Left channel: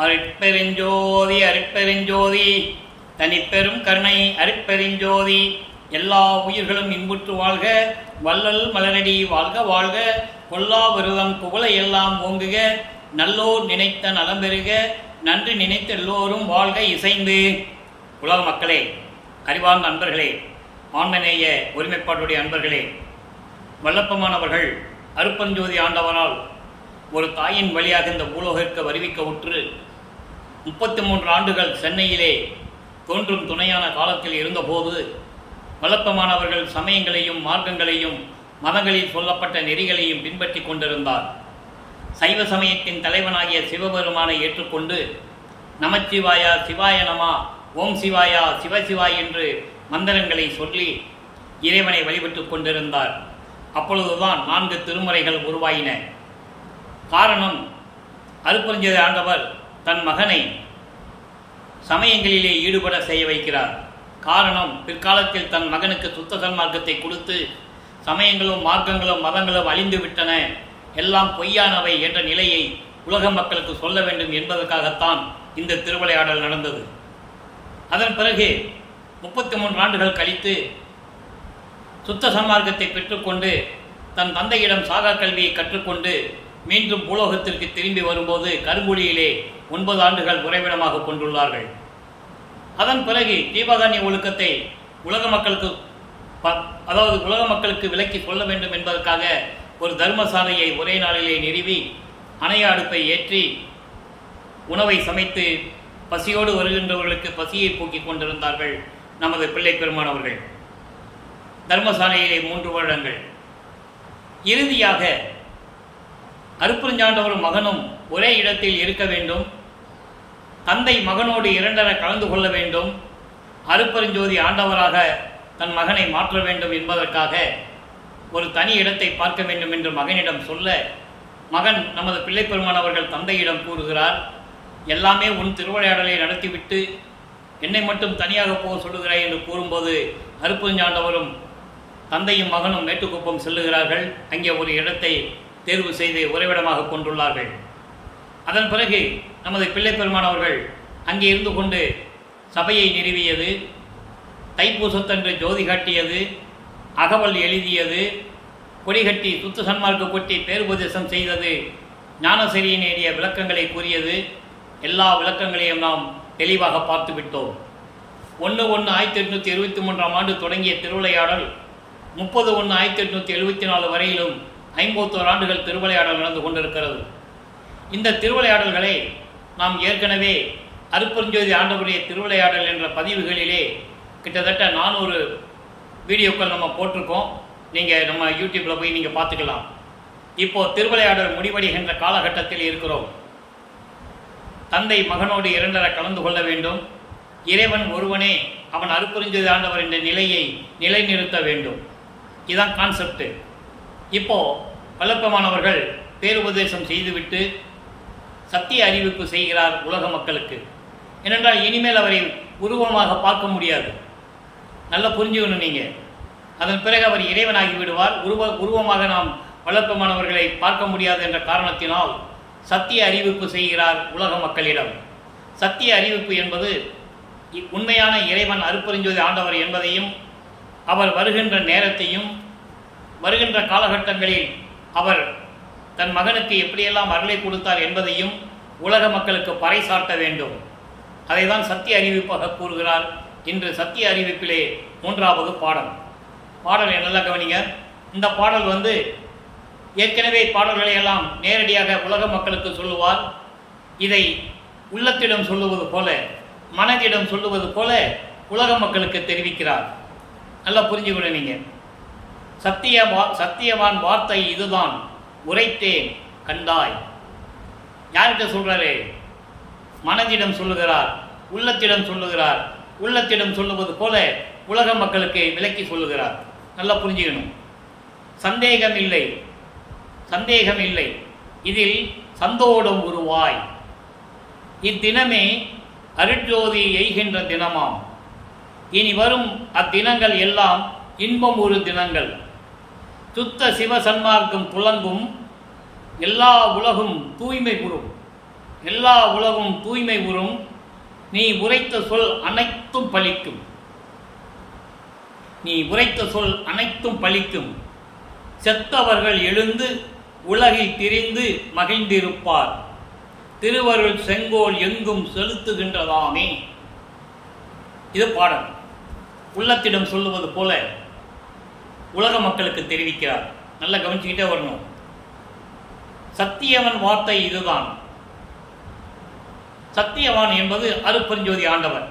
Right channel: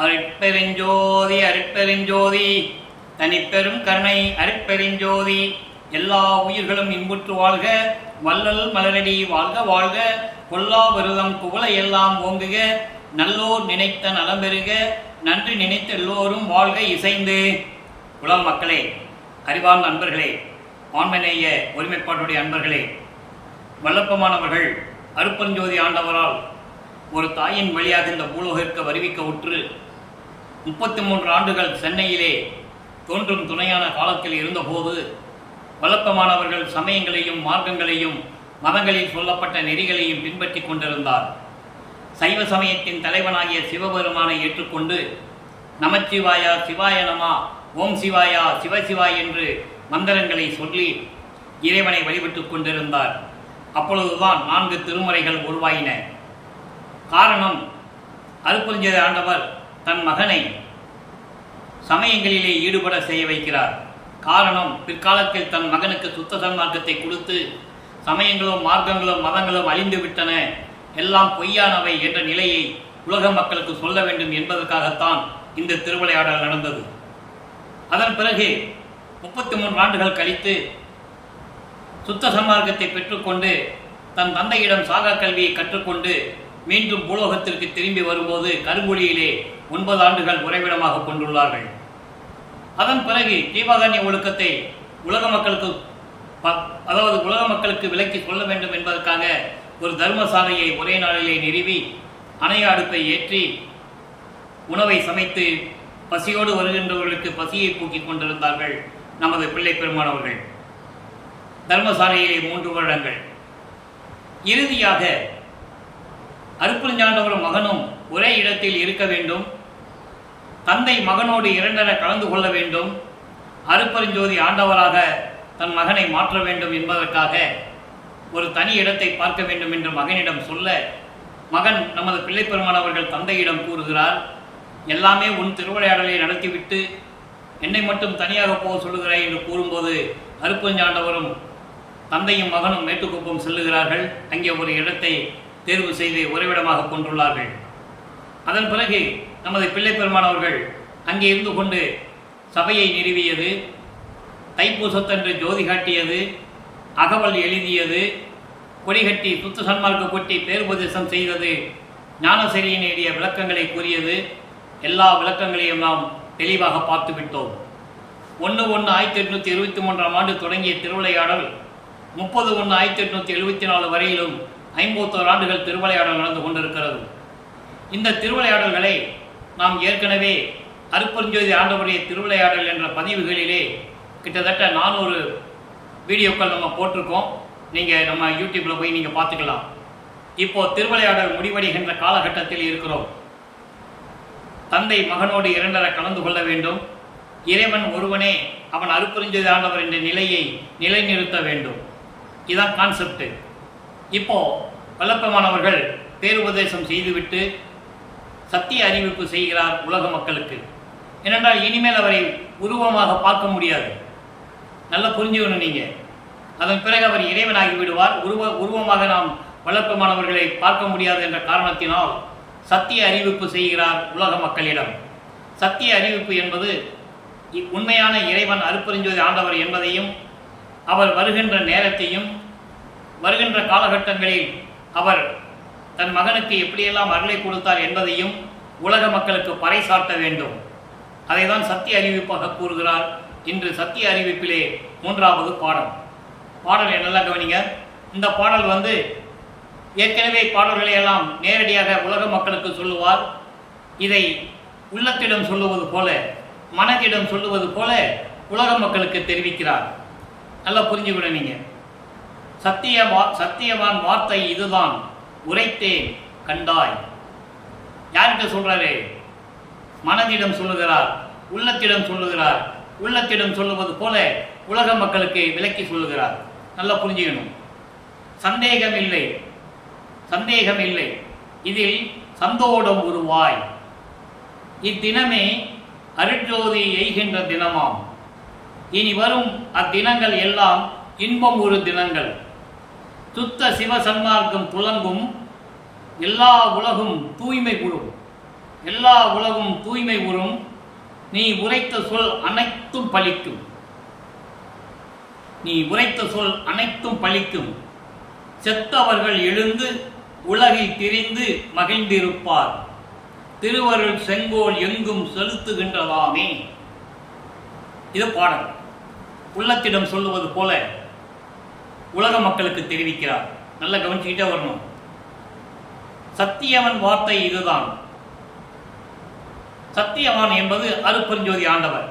அருட்பெருஞ்சோதி அருட்பெருஞ்சோதி தனிப்பெரும் கருணை அருட்பெருஞ்சோதி. எல்லா உயிர்களும் இன்புற்று வாழ்க, வள்ளல் மலரடி வாழ்க வாழ்க, கொல்லா விரதம் குவளை எல்லாம் ஓங்குக, நல்லோர் நினைத்த நலம் பெறுக, நன்றி நினைத்த எல்லோரும் வாழ்க இசைந்து. உலக மக்களே, அறிவார்ந்த அன்பர்களே, ஆன்மநேய ஒருமைப்பாட்டுடைய அன்பர்களே, வல்லப்பமானவர்கள் அருட்பெருஞ்சோதி ஆண்டவரால் ஒரு தாயின் வழியாக இந்த பூலோகிற்கு வருவிக்க உற்று 33 ஆண்டுகள் சென்னையிலே தோன்றும் துணையான காலத்தில் இருந்தபோது வல்லப்பமானவர்கள் சமயங்களையும் மார்க்கங்களையும் மதங்களில் சொல்லப்பட்ட நெறிகளையும் பின்பற்றி கொண்டிருந்தார். சைவ சமயத்தின் தலைவனாகிய சிவபெருமானை ஏற்றுக்கொண்டு நமச்சிவாயா சிவாய நமா, ஓம் சிவாயா சிவசிவாய் என்று மந்திரங்களை சொல்லி இறைவனை வழிபட்டு கொண்டிருந்தார். அப்பொழுதுதான் 4 திருமுறைகள் உருவாயின. காரணம், அருட்பெருஞ்சோதி ஆண்டவர் தன் மகனை சமயங்களிலே ஈடுபட செய்ய வைக்கிறார். காரணம், பிற்காலத்தில் தன் மகனுக்கு சுத்த சன்மார்க்கத்தை கொடுத்து சமயங்களும் மார்க்கங்களும் மதங்களும் அழிந்து விட்டன, எல்லாம் பொய்யானவை என்ற நிலையை உலக மக்களுக்கு சொல்ல வேண்டும் என்பதற்காகத்தான் இந்த திருவிளையாடல் நடந்தது. அதன் பிறகு 33 ஆண்டுகள் கழித்து சுத்த சன்மார்க்கத்தை பெற்றுக்கொண்டு தன் தந்தையிடம் சாகா கல்வியை கற்றுக்கொண்டு மீண்டும் பூலோகத்திற்கு திரும்பி வரும்போது கருங்குழியிலே 9 ஆண்டுகள் உறைவிடமாக கொண்டுள்ளார்கள். அதன் பிறகு ஜீவகாருண்ய ஒழுக்கத்தை உலக மக்களுக்கு விலக்கி சொல்ல வேண்டும் என்பதற்காக ஒரு தர்மசாலையை ஒரே நாளிலே நிறுவி அணைய அடுப்பை ஏற்றி உணவை சமைத்து பசியோடு வருகின்றவர்களுக்கு பசியை போக்கிக் கொண்டிருந்தார்கள் நமது பிள்ளை பெருமானவர்கள். தர்மசாலையிலே 3 வருடங்கள். இறுதியாக அருட்பெருஞ்சாண்டவரும் மகனும் ஒரே இடத்தில் இருக்க வேண்டும், தந்தை மகனோடு 2 கலந்து கொள்ள வேண்டும், அருட்பெருஞ்சோதி ஆண்டவராக தன் மகனை மாற்ற வேண்டும் என்பதற்காக ஒரு தனி இடத்தை பார்க்க வேண்டும் என்று மகனிடம் சொல்ல, மகன் நமது பிள்ளை பெருமானவர்கள் தந்தையிடம் கூறுகிறார், எல்லாமே உன் திருவிளையாடலை நடத்திவிட்டு என்னை மட்டும் தனியாக போக சொல்லுகிறாய் என்று கூறும்போது அருட்பெருஞ்சாண்டவரும் தந்தையும் மகனும் மேட்டுக்குப்பம் செல்லுகிறார்கள். அங்கே ஒரு இடத்தை தேர்வு செய்து உறைவிடமாக கொண்டுள்ளார்கள். அதன் பிறகு நமது பிள்ளை பெருமானவர்கள் அங்கே இருந்து கொண்டு சபையை நிறுவியது, தைப்பூசத்தன்று ஜோதி காட்டியது, அகவல் எழுதியது, கொடிகட்டி சுத்த சன்மார்க்க கொட்டி பேருபதேசம் செய்தது, ஞானசரியை நேடிய விளக்கங்களை கூறியது. எல்லா விளக்கங்களையும் நாம் தெளிவாக பார்த்து விட்டோம். 1/1/1823 ஆண்டு தொடங்கிய திருவிளையாடல் 30/1/1874 வரையிலும் 51 ஆண்டுகள் திருவிளையாடல் நடந்து கொண்டிருக்கிறது. இந்த திருவிளையாடல்களை நாம் ஏற்கனவே அருட்பெருஞ்சோதி ஆண்டவருடைய திருவிளையாடல் என்ற பதிவுகளிலே கிட்டத்தட்ட 400 வீடியோக்கள் நம்ம போட்டிருக்கோம். நீங்கள் நம்ம யூடியூப்பில் போய் நீங்கள் பார்த்துக்கலாம். இப்போது திருவிளையாடல் முடிவடைகின்ற காலகட்டத்தில் இருக்கிறோம். தந்தை மகனோடு 2 கலந்து கொள்ள வேண்டும், இறைவன் ஒருவனே அவன் அருட்பெருஞ்சோதி ஆண்டவர் என்ற நிலையை நிலைநிறுத்த வேண்டும். இதுதான் கான்செப்ட். இப்போது வல்லப்பமானவர்கள் பேருபதேசம் செய்துவிட்டு சத்திய அறிவிப்பு செய்கிறார் உலக மக்களுக்கு. ஏனென்றால் இனிமேல் அவரை உருவமாக பார்க்க முடியாது. நல்லா புரிஞ்சுக்கணும் நீங்கள். அதன் பிறகு அவர் இறைவனாகி விடுவார். உருவமாக நாம் வல்லப்பமானவர்களை பார்க்க முடியாது என்ற காரணத்தினால் சத்திய அறிவிப்பு செய்கிறார் உலக மக்களிடம். சத்திய அறிவிப்பு என்பது உண்மையான இறைவன் அருட்பெருஞ்சோதி ஆண்டவர் என்பதையும், அவர் வருகின்ற நேரத்தையும், வருகின்ற காலகட்டங்களில் அவர் தன் மகனுக்கு எப்படியெல்லாம் அருளை கொடுத்தார் என்பதையும் உலக மக்களுக்கு பறைசாட்ட வேண்டும். அதை தான் சத்திய அறிவிப்பாக கூறுகிறார். இன்று சத்திய அறிவிப்பிலே 3வது பாடல் என்னெல்லாம் கவனிங்க. இந்த பாடல் ஏற்கனவே பாடல்களை எல்லாம் நேரடியாக உலக மக்களுக்கு சொல்லுவார். இதை உள்ளத்திடம் சொல்லுவது போல, மனதிடம் சொல்லுவது போல உலக மக்களுக்கு தெரிவிக்கிறார். நல்லா புரிஞ்சுக்கணும் நீங்கள். சத்தியவான் வார்த்தை இதுதான், உரைத்தேன் கண்டாய். யார்கிட்ட சொல்றாரு? மனதிடம் சொல்லுகிறார், உள்ளத்திடம் சொல்லுகிறார். உள்ளத்திடம் சொல்லுவது போல உலக மக்களுக்கு விளக்கி சொல்லுகிறார். நல்லா புரிஞ்சுக்கணும். சந்தேகம் இல்லை, இதில் சந்தோடம் உருவாய். இத்தினமே அருட்ஜோதி எய்கின்ற தினமாம். இனி வரும் அத்தினங்கள் எல்லாம் இன்பம் ஒரு தினங்கள். சுத்த சிவ சன்மார்க்கம் துலங்கும், எல்லா உலகும் தூய்மை கூடும். எல்லா உலகும் தூய்மை உறும், நீ உரைத்த சொல் அனைத்தும் பலிக்கும். நீ உரைத்த சொல் அனைத்தும் பலிக்கும். செத்தவர்கள் எழுந்து உலகில் திரிந்து மகிழ்ந்திருப்பார். திருவருள் செங்கோல் எங்கும் செலுத்துகின்றதாமே. இது பாடல். உள்ளத்திடம் சொல்லுவது போல உலக மக்களுக்கு தெரிவிக்கிறார். நல்லா கவனிச்சுக்கிட்டே வரணும். சத்தியவன் வார்த்தை இதுதான். சத்தியவான் என்பது அருட்பெருஞ்சோதி ஆண்டவர்,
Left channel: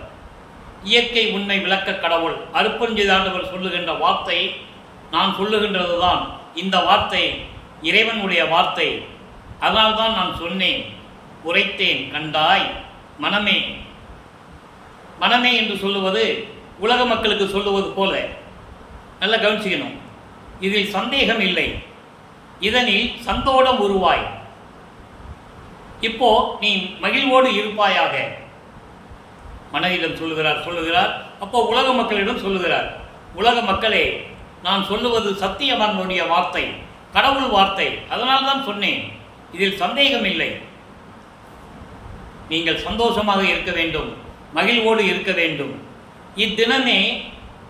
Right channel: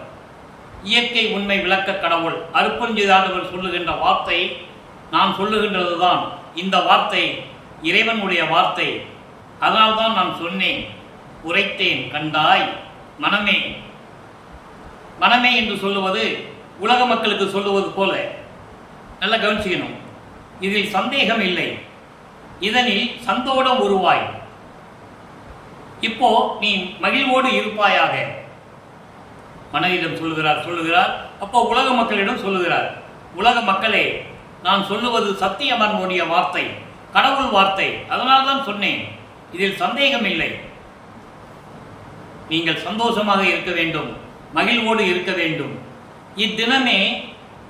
இயற்கை உண்மை விளக்க கடவுள். அருட்பெருஞ்சோதி ஆண்டவர் சொல்லுகின்ற வார்த்தை நான் சொல்லுகின்றது தான். இந்த வார்த்தை இறைவனுடைய வார்த்தை. அதனால்தான் நான் சொன்னேன், உரைத்தேன், கண்டாய் மனமே. மனமே என்று சொல்லுவது உலக மக்களுக்கு சொல்லுவது போல. நல்லா கவனிச்சுக்கணும். இதில் சந்தேகம் இல்லை. இதனில் சந்தோடம் உருவாய். இப்போ நீ மகிழ்வோடு இருப்பாயாக. மனதிடம் சொல்லுகிறார். அப்போ உலக மக்களிடம் சொல்லுகிறார், உலக மக்களே, நான் சொல்லுவது சத்தியவானுடைய வார்த்தை, கடவுள் வார்த்தை. அதனால்தான் சொன்னேன், இதில் சந்தேகம் இல்லை. நீங்கள் சந்தோஷமாக இருக்க வேண்டும், மகிழ்வோடு இருக்க வேண்டும். இத்தினமே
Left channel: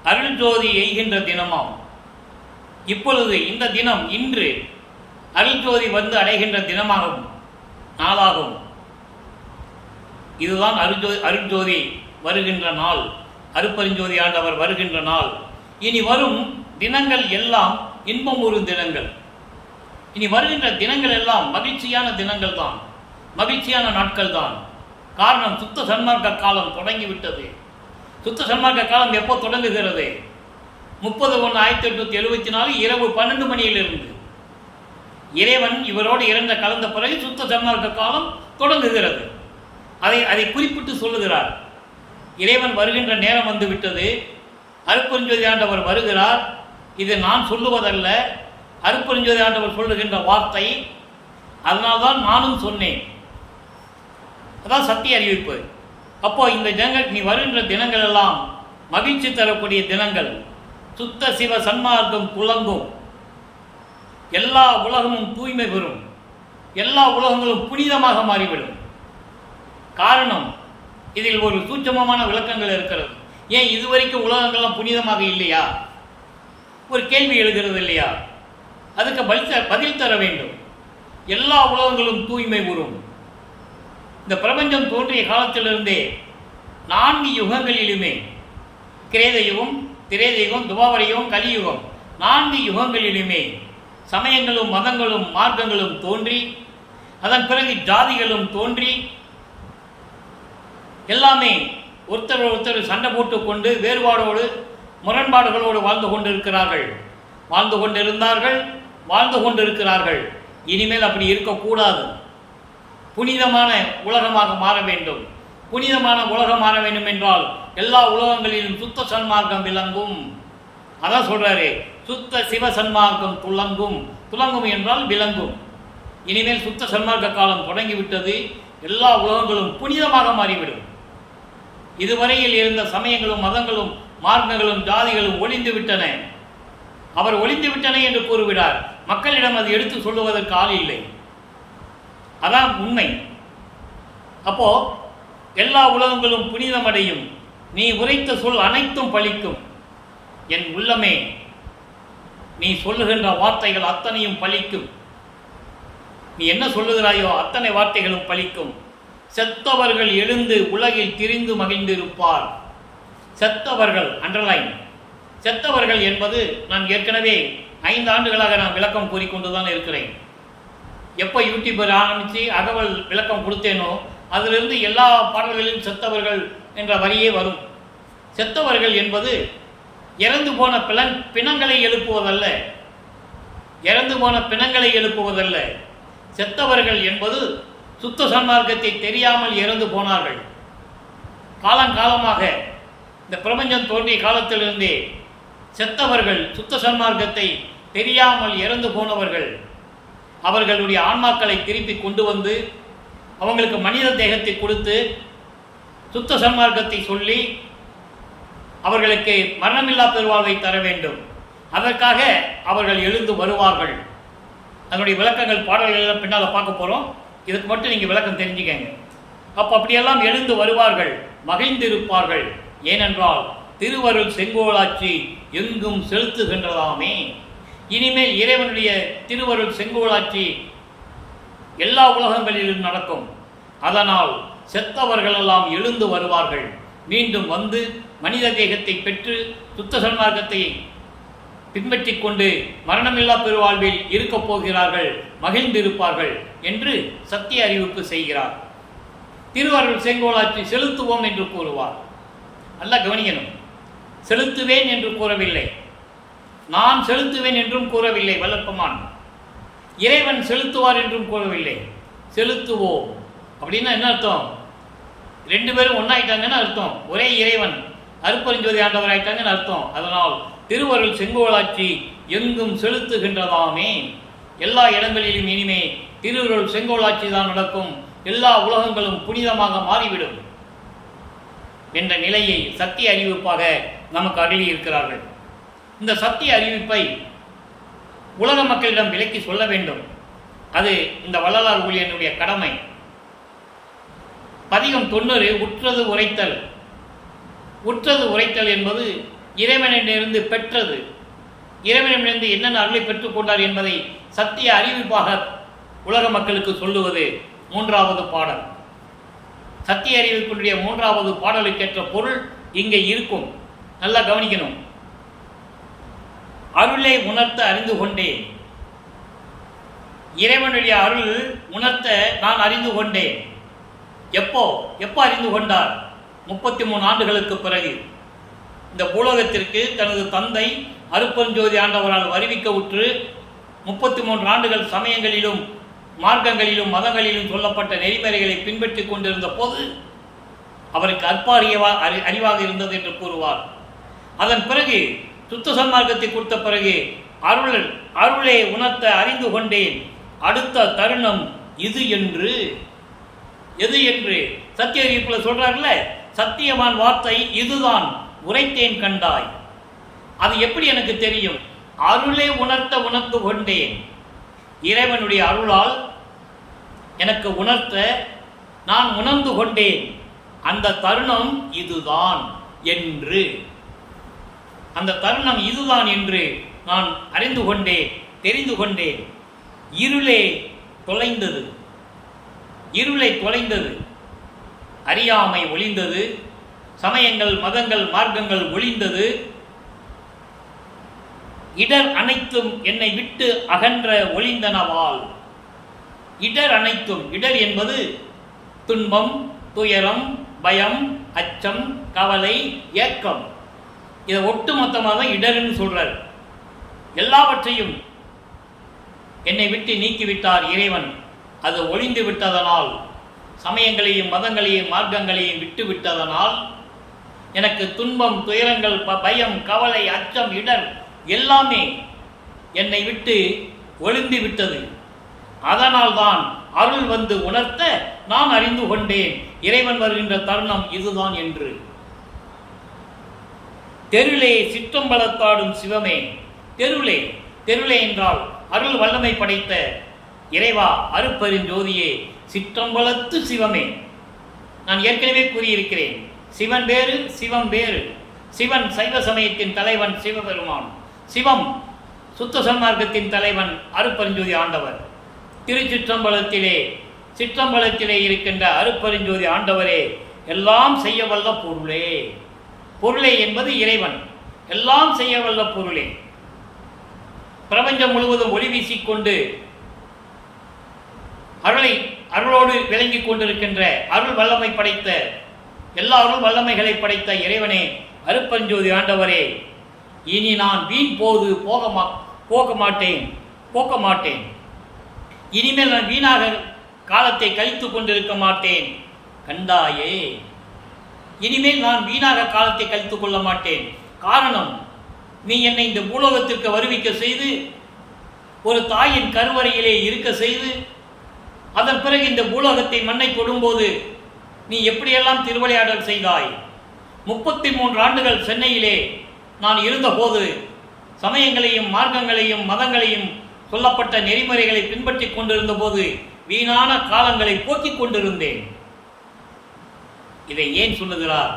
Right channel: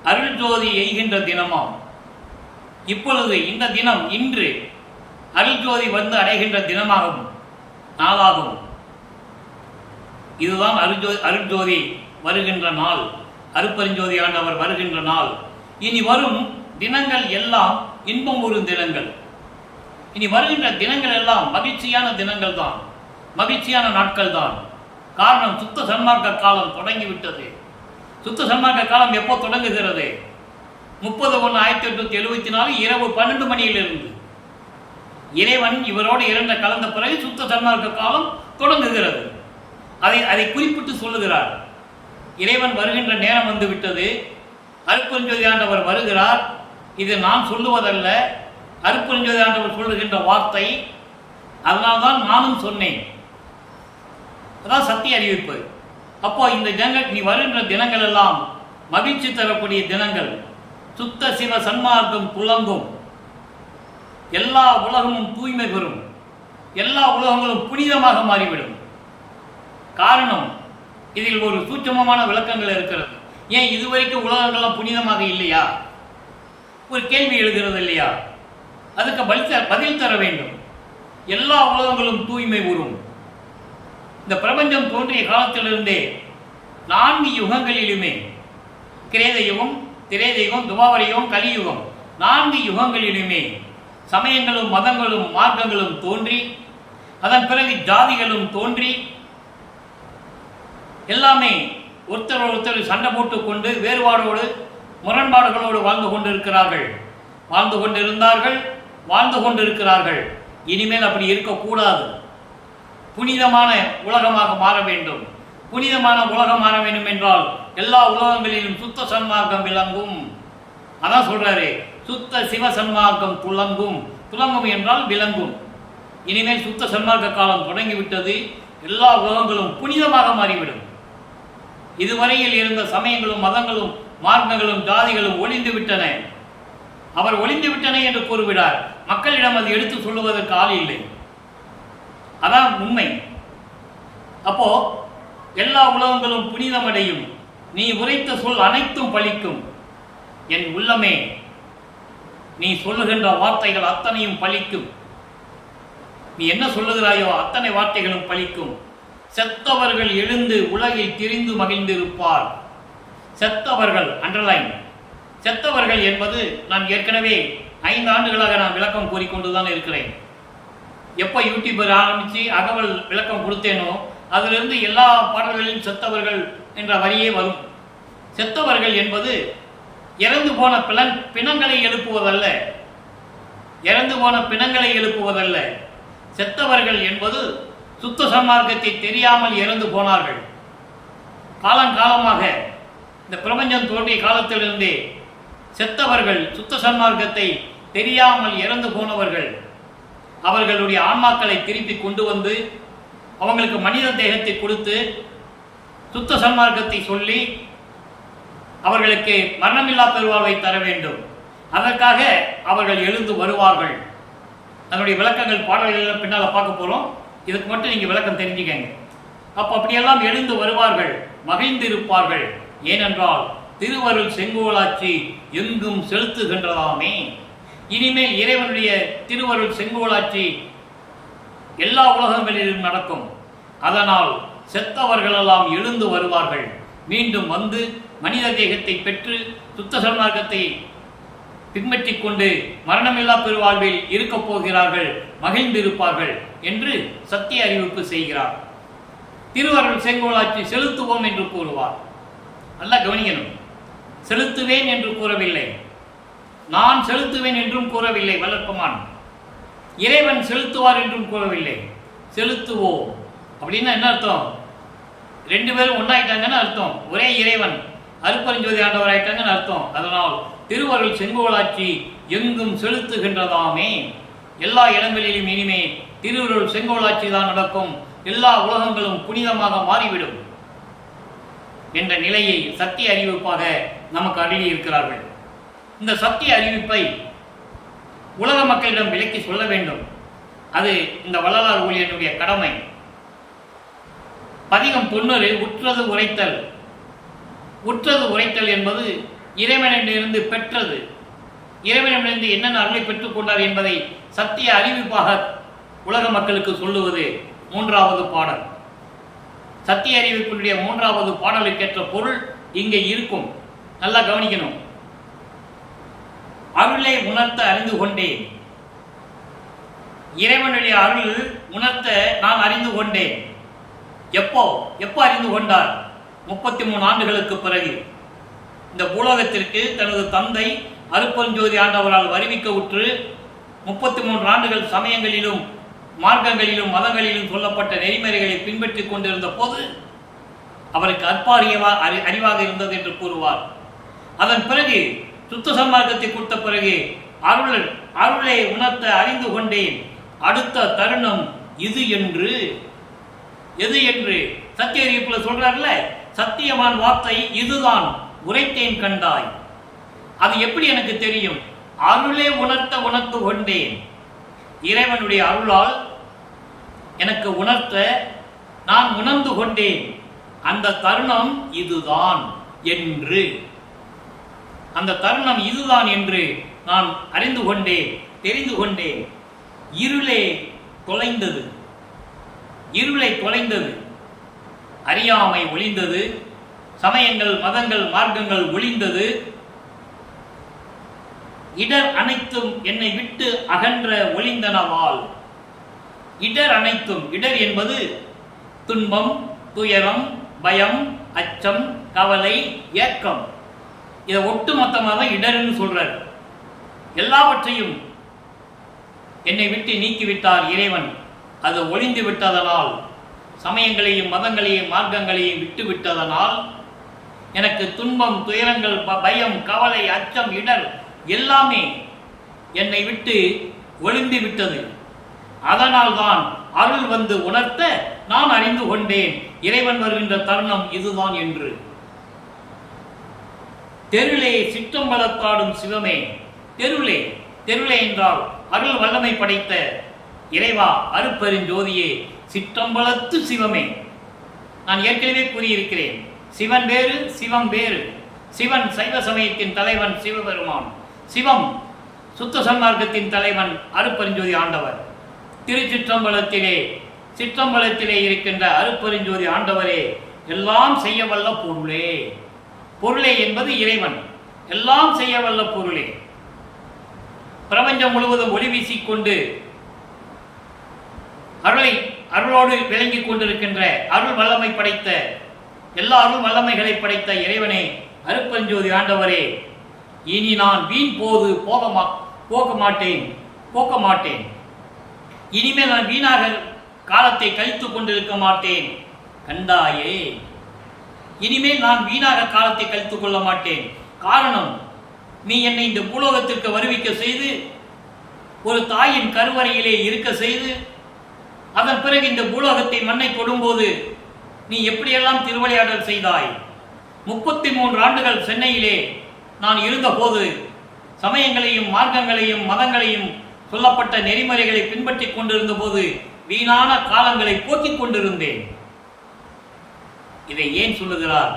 அருள் ஜோதி எய்கின்ற தினமாம். இப்பொழுது இந்த தினம், இன்று அருள் ஜோதி வந்து அடைகின்ற தினமாகும், நாளாகும். இதுதான் அருட்ஜோதி வருகின்ற நாள், அருட்பெருஞ்சோதி ஆண்டவர் வருகின்ற நாள். இனி வரும் தினங்கள் எல்லாம் இன்பம் ஒரு தினங்கள். இனி வருகின்ற தினங்கள் எல்லாம் மகிழ்ச்சியான தினங்கள் தான், மகிழ்ச்சியான நாட்கள் தான். காரணம், சுத்த சன்மார்க்க காலம் தொடங்கிவிட்டது. சுத்த சன்மார்க்க காலம் எப்போ தொடங்குகிறது? 30/1/1874 இரவு 12 மணியிலிருந்து. இறைவன் இவரோடு இறந்த கலந்த பிறகு சுத்த சன்மார்க்க காலம் தொடங்குகிறது. அதை குறிப்பிட்டு சொல்லுகிறார். இறைவன் வருகின்ற நேரம் வந்து விட்டது, அருட்பெருஞ்சோதி ஆண்டவர் வருகிறார். இது நான் சொல்லுவதல்ல, அருட்பெருஞ்சோதி ஆண்டவர் சொல்லுகின்ற வார்த்தை. அதனால்தான் நானும் சொன்னேன். அதான் சத்திய அறிவிப்பு. அப்போ இந்த தினங்கள், நீ வருகின்ற தினங்கள் எல்லாம் மகிழ்ச்சி தரக்கூடிய தினங்கள். சுத்த சிவ சன்மார்க்கம் துலங்கும். எல்லா உலகமும் தூய்மை பெறும். எல்லா உலகங்களும் புனிதமாக மாறிவிடும். காரணம், இதில் ஒரு சூட்சமமான விளக்கங்கள் இருக்கிறது. ஏன் இதுவரைக்கும் உலகங்கள்லாம் புனிதமாக இல்லையா? ஒரு கேள்வி எழுகிறது இல்லையா? அதுக்கு பதில் தர வேண்டும். எல்லா உலகங்களும் தூய்மை உறும். இந்த பிரபஞ்சம் தோன்றிய காலத்திலிருந்தே 4 யுகங்களிலுமே, கிரேத யுகம், திரேத யுகம், துவாபர யுகம், கலியுகம், 4 யுகங்களிலுமே சமயங்களும் மதங்களும் மார்க்கங்களும் தோன்றி, அதன் பிறகு ஜாதிகளும் தோன்றி, எல்லாமே ஒருத்தர் சண்டை போட்டுக்கொண்டு வேறுபாடோடு முரண்பாடுகளோடு வாழ்ந்து கொண்டிருக்கிறார்கள், வாழ்ந்து கொண்டிருந்தார்கள், வாழ்ந்து கொண்டிருக்கிறார்கள். இனிமேல் அப்படி இருக்கக்கூடாது. புனிதமான உலகமாக மாற வேண்டும். புனிதமான உலகம் மாற வேண்டும் என்றால் எல்லா உலகங்களிலும் சுத்த சன்மார்க்கம் விளங்கும். அதான் சொல்றாரு, சுத்த சிவ சன்மார்க்கம் துலங்கும். துலங்கும் என்றால் விளங்கும். இனிமேல் சுத்த சன்மார்க்க காலம் தொடங்கிவிட்டது. எல்லா உலகங்களும் புனிதமாக மாறிவிடும். இதுவரையில் இருந்த சமயங்களும் மதங்களும் மார்க்கங்களும் ஜாதிகளும் ஒளிந்து விட்டன. அவர் ஒளிந்து விட்டன என்று கூறுகிறார். மக்களிடம் அது எடுத்து சொல்லுவதற்கு ஆள் இல்லை. அதான் உண்மை. அப்போ எல்லா உலகங்களும் புனிதமடையும். நீ உரைத்த சொல் அனைத்தும் பலிக்கும். என் உள்ளமே, நீ சொல்லுகின்ற வார்த்தைகள் அத்தனையும் பலிக்கும். நீ என்ன சொல்லுகிறாயோ அத்தனை வார்த்தைகளும் பலிக்கும். செத்தவர்கள் எழுந்து உலகில் திரிந்து மகிழ்ந்திருப்பார். செத்தவர்கள், அண்டர்லைன். செத்தவர்கள் என்பது நான் ஏற்கனவே 5 ஆண்டுகளாக நான் விளக்கம் கூறிக்கொண்டுதான் இருக்கிறேன். எப்போ யூடியூபர் ஆரம்பித்து அகவல் விளக்கம் கொடுத்தேனோ அதிலிருந்து எல்லா பாடல்களிலும் செத்தவர்கள் என்ற வரியே வரும். செத்தவர்கள் என்பது இறந்து போன பிணங்களை எழுப்புவதல்ல, இறந்து போன பிணங்களை எழுப்புவதல்ல. செத்தவர்கள் என்பது சுத்த சன்மார்க்கத்தை தெரியாமல் இறந்து போனார்கள். காலங்காலமாக இந்த பிரபஞ்சம் தோன்றிய காலத்திலிருந்தே செத்தவர்கள், சுத்த சன்மார்க்கத்தை தெரியாமல் இறந்து போனவர்கள், அவர்களுடைய ஆன்மாக்களை திருப்பி கொண்டு வந்து அவங்களுக்கு மனித தேகத்தை கொடுத்து சுத்த சன்மார்க்கத்தை சொல்லி அவர்களுக்கு மரணமில்லா பெருவாழ்வை தர வேண்டும். அதற்காக அவர்கள் எழுந்து வருவார்கள். அதனுடைய விளக்கங்கள் பாடல்கள் பின்னால் பார்க்க போகிறோம். இதுக்கு மட்டும் நீங்கள் விளக்கம் தெரிஞ்சுக்கங்க. அப்போ அப்படியெல்லாம் எழுந்து வருவார்கள், மகிழ்ந்திருப்பார்கள். ஏனென்றால் திருவருள் செங்கோலாட்சி எங்கும் செலுத்துகின்றதாமே. இனிமேல் இறைவனுடைய திருவருள் செங்கோலாட்சி எல்லா உலகங்களிலும் நடக்கும். அதனால் செத்தவர்களெல்லாம் எழுந்து வருவார்கள், மீண்டும் வந்து மனித தேகத்தை பெற்று சுத்த சன்மார்க்கத்தை பின்பற்றி கொண்டு மரணமில்லா பெருவாழ்வில் இருக்கப் போகிறார்கள், மகிழ்ந்திருப்பார்கள் என்று சத்திய அறிவிப்பு செய்கிறார். திருவருள் செங்கோலாட்சி செலுத்துவோம் என்று கூறுவார். நல்லா கவனிக்கணும். செலுத்துவேன் என்று கூறவில்லை, நான் செலுத்துவேன் என்றும் கூறவில்லை வல்லற்பமான். இறைவன் செலுத்துவார் என்றும் கூறவில்லை. செலுத்துவோம் அப்படின்னா என்ன அர்த்தம்? ரெண்டு பேரும் ஒன்றாயிட்டாங்கன்னு அர்த்தம். ஒரே இறைவன் அருட்பெருஞ்சோதி ஆண்டவர் ஆயிட்டாங்கன்னு அர்த்தம். அதனால் திருவருள் செங்கோலாட்சி எங்கும் செலுத்துகின்றதாமே. எல்லா இடங்களிலும் இனிமே திருவருள் செங்கோலாட்சி தான் நடக்கும், எல்லா உலகங்களும் புனிதமாக மாறிவிடும் என்ற நிலையை சத்திய அறிவிப்பாக நமக்கு அருளி இருக்கிறார்கள். இந்த சத்திய அறிவிப்பை உலக மக்களிடம் விலக்கி சொல்ல வேண்டும். அது இந்த வள்ளலார் ஊழியனுடைய கடமை. பதிகம் 90 உற்றது உரைத்தல். உற்றது உரைத்தல் என்பது இறைவனிடமிருந்து பெற்றது, இறைவனிடமிருந்து என்னென்ன அருளை பெற்றுக்கொண்டார் என்பதை சத்திய அறிவிப்பாக உலக மக்களுக்கு சொல்லுவது 3வது பாடல். சத்திய அறிவிப்பினுடைய 3வது பாடலுக்கேற்ற பொருள் இங்கே இருக்கும். நல்லா கவனிக்கணும். அருளை உணர்த்த அறிந்து கொண்டேன். இறைவனுடைய அருள் உணர்த்த நான் அறிந்து கொண்டேன். எப்போ அறிந்து கொண்டார்? 33 ஆண்டுகளுக்கு பிறகு இந்த பூலோகத்திற்கு தனது தந்தை அருட்பெருஞ்சோதி ஆண்டவரால் வருவிக்க உற்று 33 ஆண்டுகள் சமயங்களிலும் மார்க்கங்களிலும் மதங்களிலும் சொல்லப்பட்ட நெறிமுறைகளை பின்பற்றி கொண்டிருந்த போது அவருக்கு அறிவாக இருந்தது என்று கூறுவார். அதன் பிறகு சுத்த சன்மார்க்கத்தை கொடுத்த பிறகு அருளை உணர்த்த அறிந்து கொண்டேன். அடுத்த தருணம் இது என்று எது என்று சத்திய அறிவிப்பில் சொல்றார்ல, சத்தியமான வார்த்தை இதுதான், உரைத்தேன் கண்டாய். அது எப்படி எனக்கு தெரியும்? அருளை உணர்ந்து கொண்டேன். இறைவனுடைய அருளால் எனக்கு உணர்த்த நான் உணர்ந்து கொண்டேன். அந்த தருணம் இதுதான் என்று, அந்த தருணம் இதுதான் என்று நான் அறிந்து கொண்டேன், தெரிந்து கொண்டேன். இருளை தொலைந்தது, அறியாமை ஒளிந்தது, சமயங்கள் மதங்கள் மார்க்கங்கள் ஒளிந்தது, இடர் அனைத்தும் என்னை விட்டு அகன்ற ஒளிந்தனவால். இடர் அனைத்தும், இடர் என்பது துன்பம், துயரம், பயம், அச்சம், கவலை, ஏக்கம். இதை ஒட்டு மொத்தமாக தான் இடர்னு சொல்றார். எல்லாவற்றையும் என்னை விட்டு நீக்கிவிட்டார் இறைவன். அது ஒளிந்து விட்டதனால், சமயங்களையும் மதங்களையும் மார்க்கங்களையும் விட்டு விட்டதனால் எனக்கு துன்பம், துயரங்கள், பயம், கவலை, அச்சம், இடர் எல்லாமே என்னை விட்டு ஒளிந்து விட்டது. அதனால் தான் அருள் வந்து உணர்த்த நான் அறிந்து கொண்டேன் இறைவன் வருகின்ற தருணம் இதுதான் என்று. தெருளே சிற்றம்பலத்தாடும் சிவமே. தெருளே என்றால் அருள் வல்லமை படைத்த இறைவா, அருட்பெருஞ்சோதியே, சிற்றம்பலத்து சிவமே. நான் ஏற்கனவே கூறியிருக்கிறேன், சிவன் வேறு சிவம் வேறு. சிவன் சைவ சமயத்தின் தலைவன் சிவபெருமான், சிவம் சுத்த சன்மார்க்கத்தின் தலைவன் அருட்பெருஞ்சோதி ஆண்டவர். சிற்றம்பலத்திலே இருக்கின்ற அருட்பெருஞ்சோதி ஆண்டவரே, எல்லாம் செய்ய வல்ல பொருளே என்பது இறைவன். எல்லாம் செய்ய வல்ல பொருளே, பிரபஞ்சம் முழுவதும் ஒளி வீசிக்கொண்டு அருளோடு விளங்கிக் கொண்டிருக்கின்ற அருள் வல்லமை படைத்த, எல்லா அருள் வல்லமைகளை படைத்த இறைவனே, அருட்பெருஞ்சோதி ஆண்டவரே, இனி நான் வீண் போக மாட்டேன். இனிமேல் நான் வீணாக காலத்தை கழித்து கொண்டிருக்க மாட்டேன் கண்டாயே. இனிமேல் நான் வீணாக காலத்தை கழித்துக் கொள்ள மாட்டேன். காரணம், நீ என்னை இந்த பூலோகத்திற்கு வருவிக்க செய்து, ஒரு தாயின் கருவறையிலே இருக்க செய்து, அதன் பிறகு இந்த பூலோகத்தை மண்ணை தொடும்போது நீ எப்படியெல்லாம் திருவிளையாடல் செய்தாய். 33 ஆண்டுகள் சென்னையிலே நான் இருந்தபோது சமயங்களையும் மார்க்கங்களையும் மதங்களையும் சொல்லப்பட்ட நெறிமுறைகளை பின்பற்றி கொண்டிருந்த போது வீணான காலங்களை போக்கிக் கொண்டிருந்தேன். இதை ஏன் சொல்லுகிறார்?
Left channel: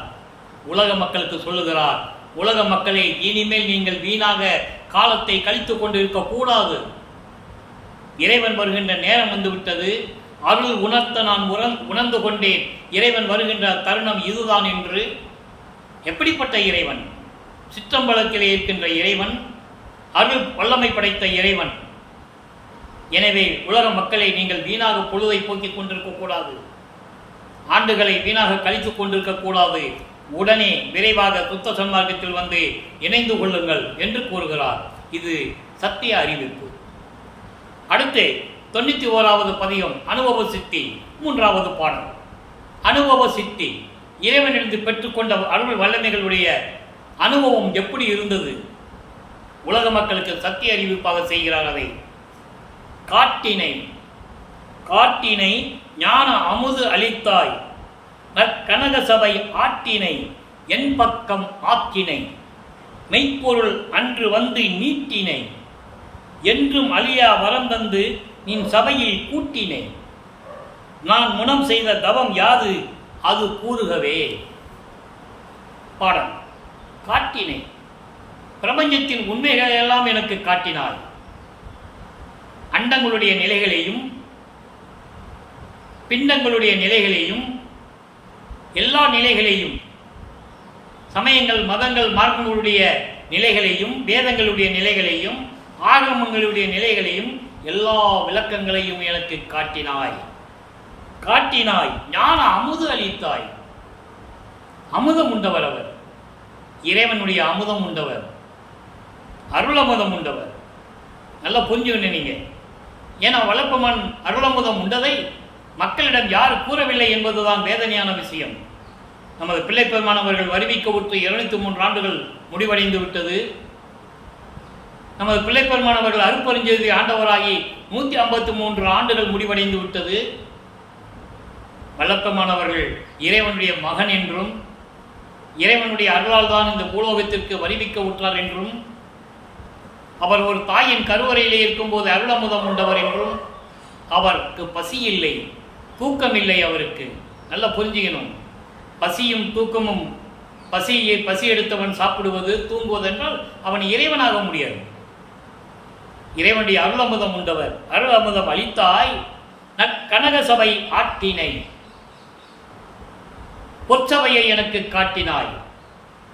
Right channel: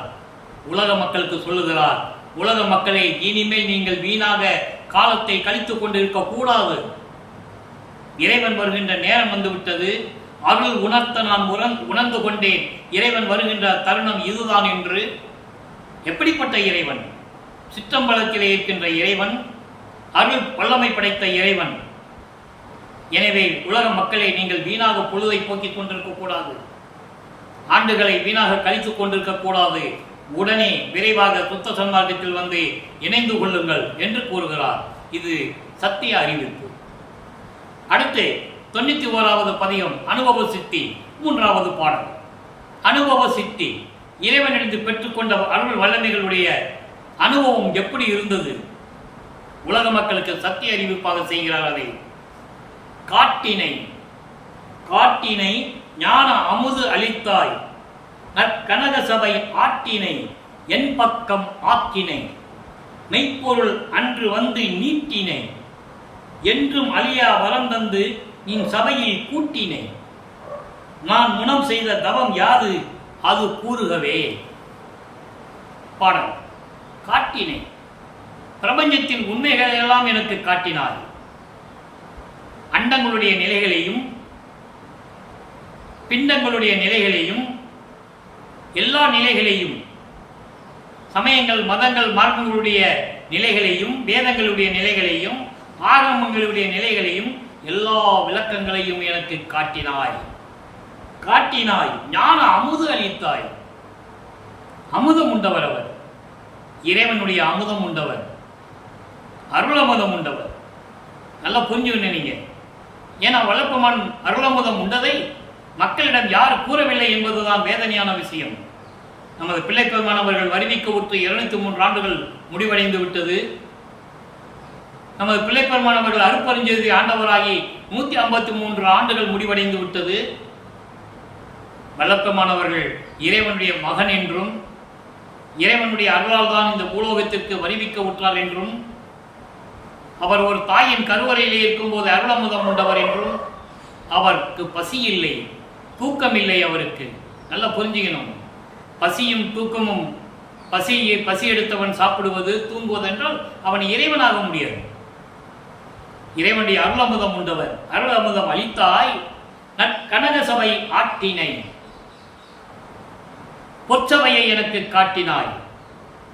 உலக மக்களுக்கு சொல்லுகிறார், உலக மக்களே, இனிமேல் நீங்கள் வீணாக காலத்தை கழித்துக் கொண்டிருக்க கூடாது. இறைவன் வருகின்ற நேரம் வந்துவிட்டது. அருள் உணர்த்த நான் உணர்ந்து கொண்டேன். இறைவன் வருகின்ற தருணம் இதுதான் என்று. எப்படிப்பட்ட இறைவன்? சிற்றம்பலத்திலே இருக்கின்ற இறைவன், அருள் வல்லமை படைத்த இறைவன். எனவே உலக மக்களை, நீங்கள் வீணாக பொழுதை போக்கிக் கொண்டிருக்க கூடாது, ஆண்டுகளை வீணாக கழித்துக் கொண்டிருக்க கூடாது. உடனே விரைவாக சுத்த சன்மார்க்கத்தில் வந்து இணைந்து கொள்ளுங்கள் என்று கூறுகிறார். இது சத்திய அறிவிப்பு. அடுத்து 91வது பதிகம் அனுபவ சித்தி, 3வது பாடல். அனுபவ சித்தி, இறைவனிலிருந்து பெற்றுக்கொண்ட அருள் வல்லமைகளுடைய அனுபவம் எப்படி இருந்தது? உலக மக்களுக்கு சத்திய அறிவிப்பாக செய்கிறார். அதை காட்டினை காட்டினை ஞான அமுது அளித்தாய், நற்கனக சபை ஆட்டினை என் பக்கம் ஆக்கினை, மெய்ப்பொருள் அன்று வந்து நீட்டினை, என்றும் அழியா வரந்தந்து நின் சபையில் கூட்டினை, நான் முனம் செய்த தவம் யாது அது கூறுகவே. பாடல். காட்டினை, பிரபஞ்சத்தின் உண்மைகளை எல்லாம் எனக்கு காட்டினாய். அண்டங்களுடைய நிலைகளையும் பிண்டங்களுடைய நிலைகளையும் எல்லா நிலைகளையும், சமயங்கள் மதங்கள் மார்க்கங்களுடைய நிலைகளையும் வேதங்களுடைய நிலைகளையும் ஆகமங்களுடைய நிலைகளையும் எல்லா விளக்கங்களையும் எனக்கு காட்டினாய். காட்டினாய், ஞான அமுது அளித்தாய். அமுதம் உண்டவர் அவர், இறைவனுடைய அமுதம் உண்டவர், அருளமுதம் உண்டவர். நல்லா புரிஞ்சுக்கணும் நீங்க. ஏன்னா வளர்ப்பமான் அருளமுதம் உண்டதை மக்களிடம் யார் கூறவில்லை என்பதுதான் வேதனையான விஷயம். நமது பிள்ளை பெருமானவர்கள் வருவிக்க உற்று 203 ஆண்டுகள் முடிவடைந்து விட்டது. நமது பிள்ளை பெருமானவர்கள் அருப்பெருஞ்செய்தி ஆண்டவராகி 153 ஆண்டுகள் முடிவடைந்து விட்டது. வல்லப்பெருமானவர்கள் இறைவனுடைய மகன் என்றும் இறைவனுடைய அருளால் தான் இந்த பூலோகத்திற்கு வருவிக்க உற்றார் என்றும், அவர் ஒரு தாயின் கருவறையிலே இருக்கும்போது அருளமுதம் உண்டவர் என்றும், அவருக்கு பசி இல்லை, தூக்கம் இல்லை. அவருக்கு நல்லா புரிஞ்சுக்கணும். பசியும் தூக்கமும், பசி எடுத்தவன் சாப்பிடுவது தூங்குவது என்றால் அவன் இறைவனாக முடியாது. இறைவனுடைய அருளமுதம் உண்டவர். அருளமுதம் அளித்தாய், நற்கனக சபை ஆட்டினை, பொற்சபையை எனக்கு காட்டினாய்.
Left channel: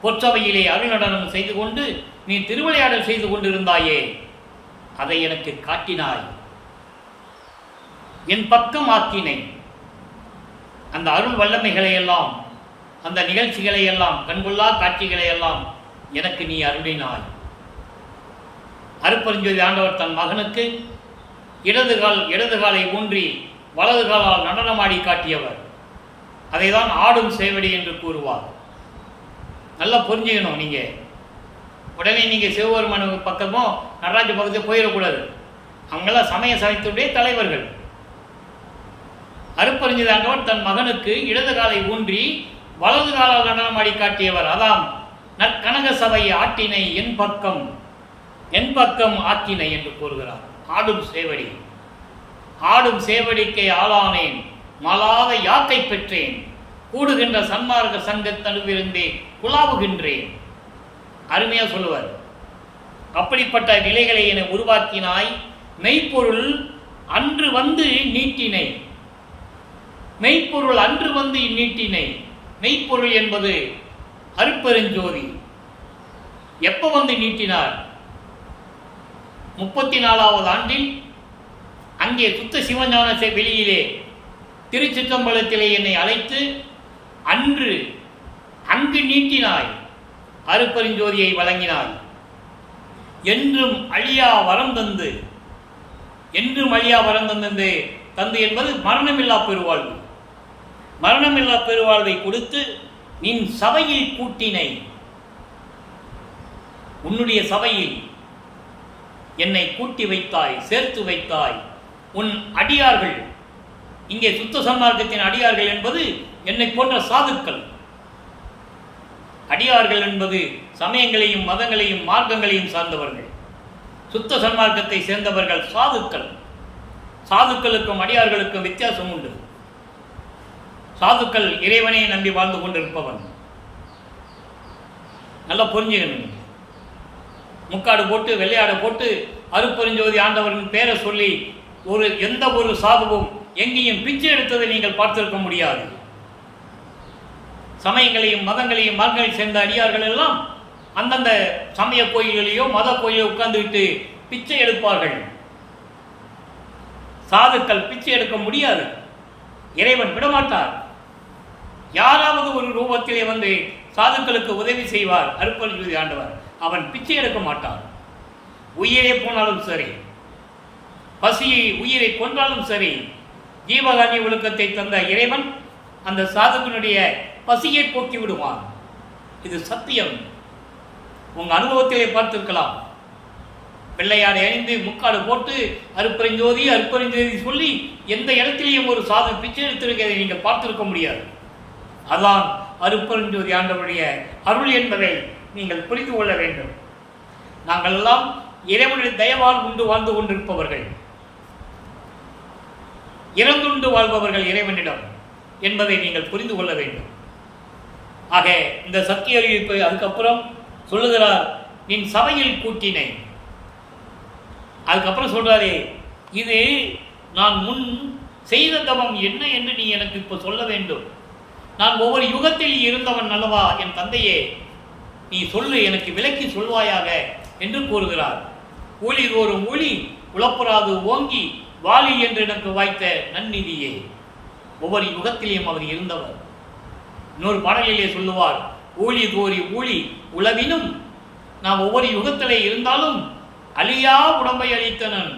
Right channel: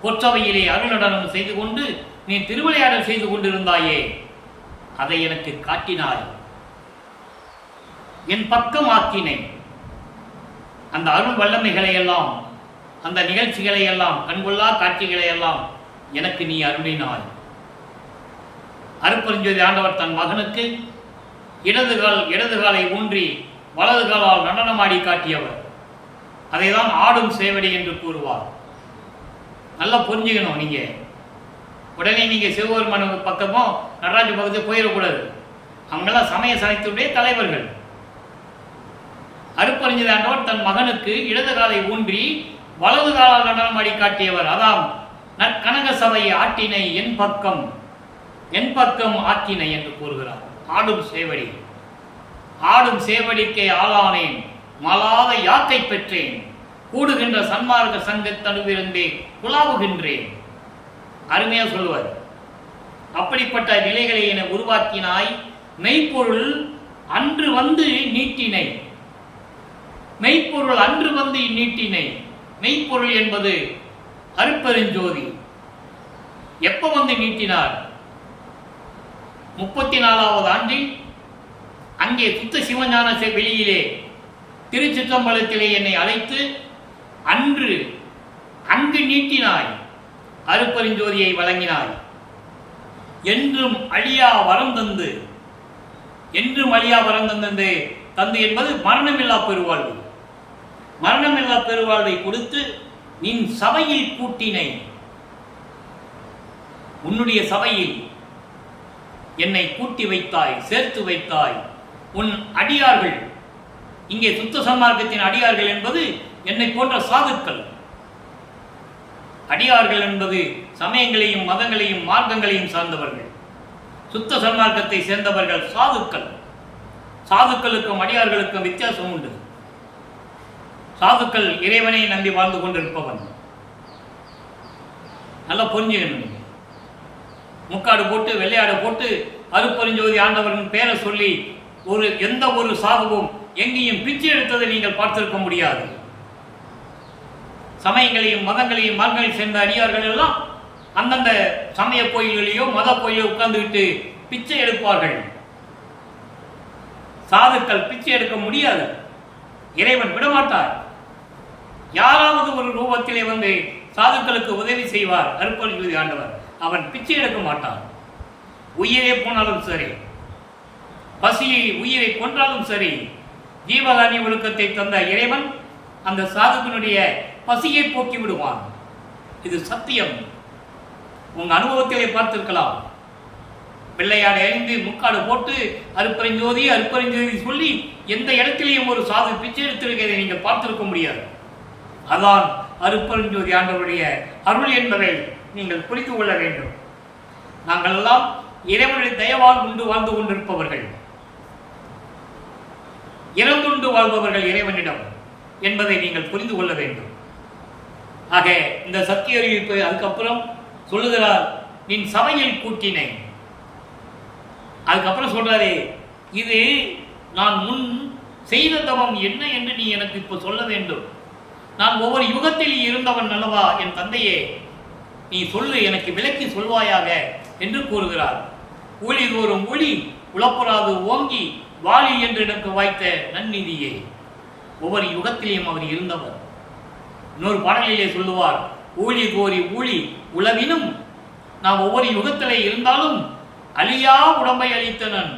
பொற்சபையிலே அருள் நடனம் செய்து கொண்டு நீ திருவிளையாடல் செய்து கொண்டிருந்தாயே, அதை எனக்கு காட்டினாய். என் பக்கம் ஆக்கினை, அந்த அருள் வல்லமைகளை எல்லாம், அந்த நிகழ்ச்சிகளை எல்லாம், கண்கொள்ளா காட்சிகளை எல்லாம் எனக்கு நீ அருளினாய். அருப்பெருஞ்சோதி ஆண்டவர் தன் மகனுக்கு இடது காலை ஊன்றி வலது காலால் நடனமாடி காட்டியவர். அதை தான் ஆடும் சேவடி என்று கூறுவார். நல்லா புரிஞ்சுக்கணும். நீங்கள் உடனே நீங்கள் சிவபெருமான் பக்கமோ நடராஜ பக்கத்தில் போயிடக்கூடாது. அவங்கெல்லாம் சமய சமயத்துடைய தலைவர்கள். அருப்பெருஞ்சோதி ஆண்டவர் தன் மகனுக்கு இடது காலை ஊன்றி வலது காலால் நடனமாடி காட்டியவர். அதாம் நற்கனக சபை ஆட்டினை என் பக்கம் ஆக்கினை என்று கூறுகிறார். ஆடும் சேவடி, ஆடும் சேவடிக்கை ஆளானேன், மலாத யாக்கை பெற்றேன், கூடுகின்ற சன்மார்க்க சங்கத்தனுவிருந்தே குழாவுகின்றேன். அருமையா சொல்லுவார். அப்படிப்பட்ட நிலைகளை என உருவாக்கினாய். மெய்ப்பொருள் அன்று வந்து நீட்டினை, மெய்ப்பொருள் அன்று வந்து நீட்டினை. மெய்ப்பொருள் என்பது அருப்பெருஞ்சோதி. எப்ப வந்து நீட்டினார்? 34வது ஆண்டில் அங்கே சுத்த சிவஞான வெளியிலே திருச்சிற்றம்பலத்திலே என்னை அழைத்து அங்கு நீட்டினாய். அருப்பெருஞ்சோதியை வழங்கினாய். என்றும் அழியா வரம் தந்து, என்றும் அழியா வரம் தந்து என்பது மரணமில்லா பெருவாழ்வு. மரணமில்லா பெருவாழ்வை கொடுத்து நின் சபையில் கூட்டினை. உன்னுடைய சபையில் என்னை கூட்டி வைத்தாய், சேர்த்து வைத்தாய். உன் அடியார்கள், இங்கே சுத்த சன்மார்க்கத்தின் அடியார்கள் என்பது என்னை போன்ற சாதுக்கள். அடியார்கள் என்பது சமயங்களையும் மதங்களையும் மார்க்கங்களையும் சார்ந்தவர்கள். சுத்த சன்மார்க்கத்தை சேர்ந்தவர்கள் சாதுக்கள். சாதுக்களுக்கும் அடியார்களுக்கும் வித்தியாசம் உண்டு. சாதுக்கள் இறைவனை நம்பி வாழ்ந்து கொண்டிருப்பவன். நல்லா புரிஞ்சுக்கணும். நீங்கள் முக்காடு போட்டு வெள்ளையாடு போட்டு அருட்பெருஞ்சோதி ஆண்டவரின் பேரை சொல்லி எந்த ஒரு சாதுவும் எங்கேயும் பிச்சை எடுத்ததை நீங்கள் பார்த்திருக்க முடியாது. சமயங்களையும் மதங்களையும் மார்க்கங்களையும் சேர்ந்த அடியார்கள் எல்லாம் அந்தந்த சமய கோயில்களையோ மத கோயிலோ உட்கார்ந்துவிட்டு பிச்சை எடுப்பார்கள். சாதுக்கள் பிச்சை எடுக்க முடியாது. இறைவன் விடமாட்டார். யாராவது ஒரு ரூபத்திலே வந்து சாதுக்களுக்கு உதவி செய்வார் அருட்பெருஞ்சோதி ஆண்டவர். அவன் பிச்சை எடுக்க மாட்டான். உயிரே போனாலும் சரி, பசியை உயிரை கொன்றாலும் சரி, ஜீவகாரிய ஒழுக்கத்தை தந்த இறைவன் அந்த சாதுக்கனுடைய பசியை போக்கி விடுவான். இது சத்தியம். உங்க அனுபவத்திலே பார்த்திருக்கலாம். வெள்ளையாடை அணிந்து முக்காடு போட்டு அருட்பெருஞ்சோதி அருட்பெருஞ்சோதி சொல்லி எந்த இடத்திலேயும் ஒரு சாது பிச்சை எடுத்திருக்கிறதை நீங்கள் பார்த்திருக்க முடியாது. அதான் அருட்பெருஞ்சோதி ஆண்டவருடைய அருள் என்பதை நீங்கள் புரிந்து கொள்ள வேண்டும். நாங்கள் எல்லாம் இறைவனுடைய தயவால் உண்டு வாழ்ந்து கொண்டிருப்பவர்கள், இறந்துண்டு வாழ்பவர்கள் இறைவனிடம் என்பதை நீங்கள் புரிந்து கொள்ள வேண்டும். ஆக இந்த சத்திய அறிவிப்பு அதுக்கப்புறம் சொல்லுகிறார், நீ சபையில் கூட்டினை. அதுக்கப்புறம் சொல்றாரு, இது நான் முன் செய்த தவம் என்ன என்று நீ எனக்கு இப்போ சொல்ல வேண்டும். நான் ஒவ்வொரு யுகத்தில் இருந்தவன் அல்லவா என் தந்தையே, நீ சொல்லு, எனக்கு விளக்கி சொல்வாயாக என்று கூறுகிறார். ஊழி தோறும் ஊழி உளப்புறாது ஓங்கி வாலி என்று எனக்கு வாய்த்த நன்னிதியே. ஒவ்வொரு யுகத்திலேயும் அவர் இருந்தவர். இன்னொரு பாடலிலே சொல்லுவார், ஊழி தோறி ஊழி உளவினும் நாம் ஒவ்வொரு யுகத்திலே இருந்தாலும் அழியா உடம்பை அளித்தனன்,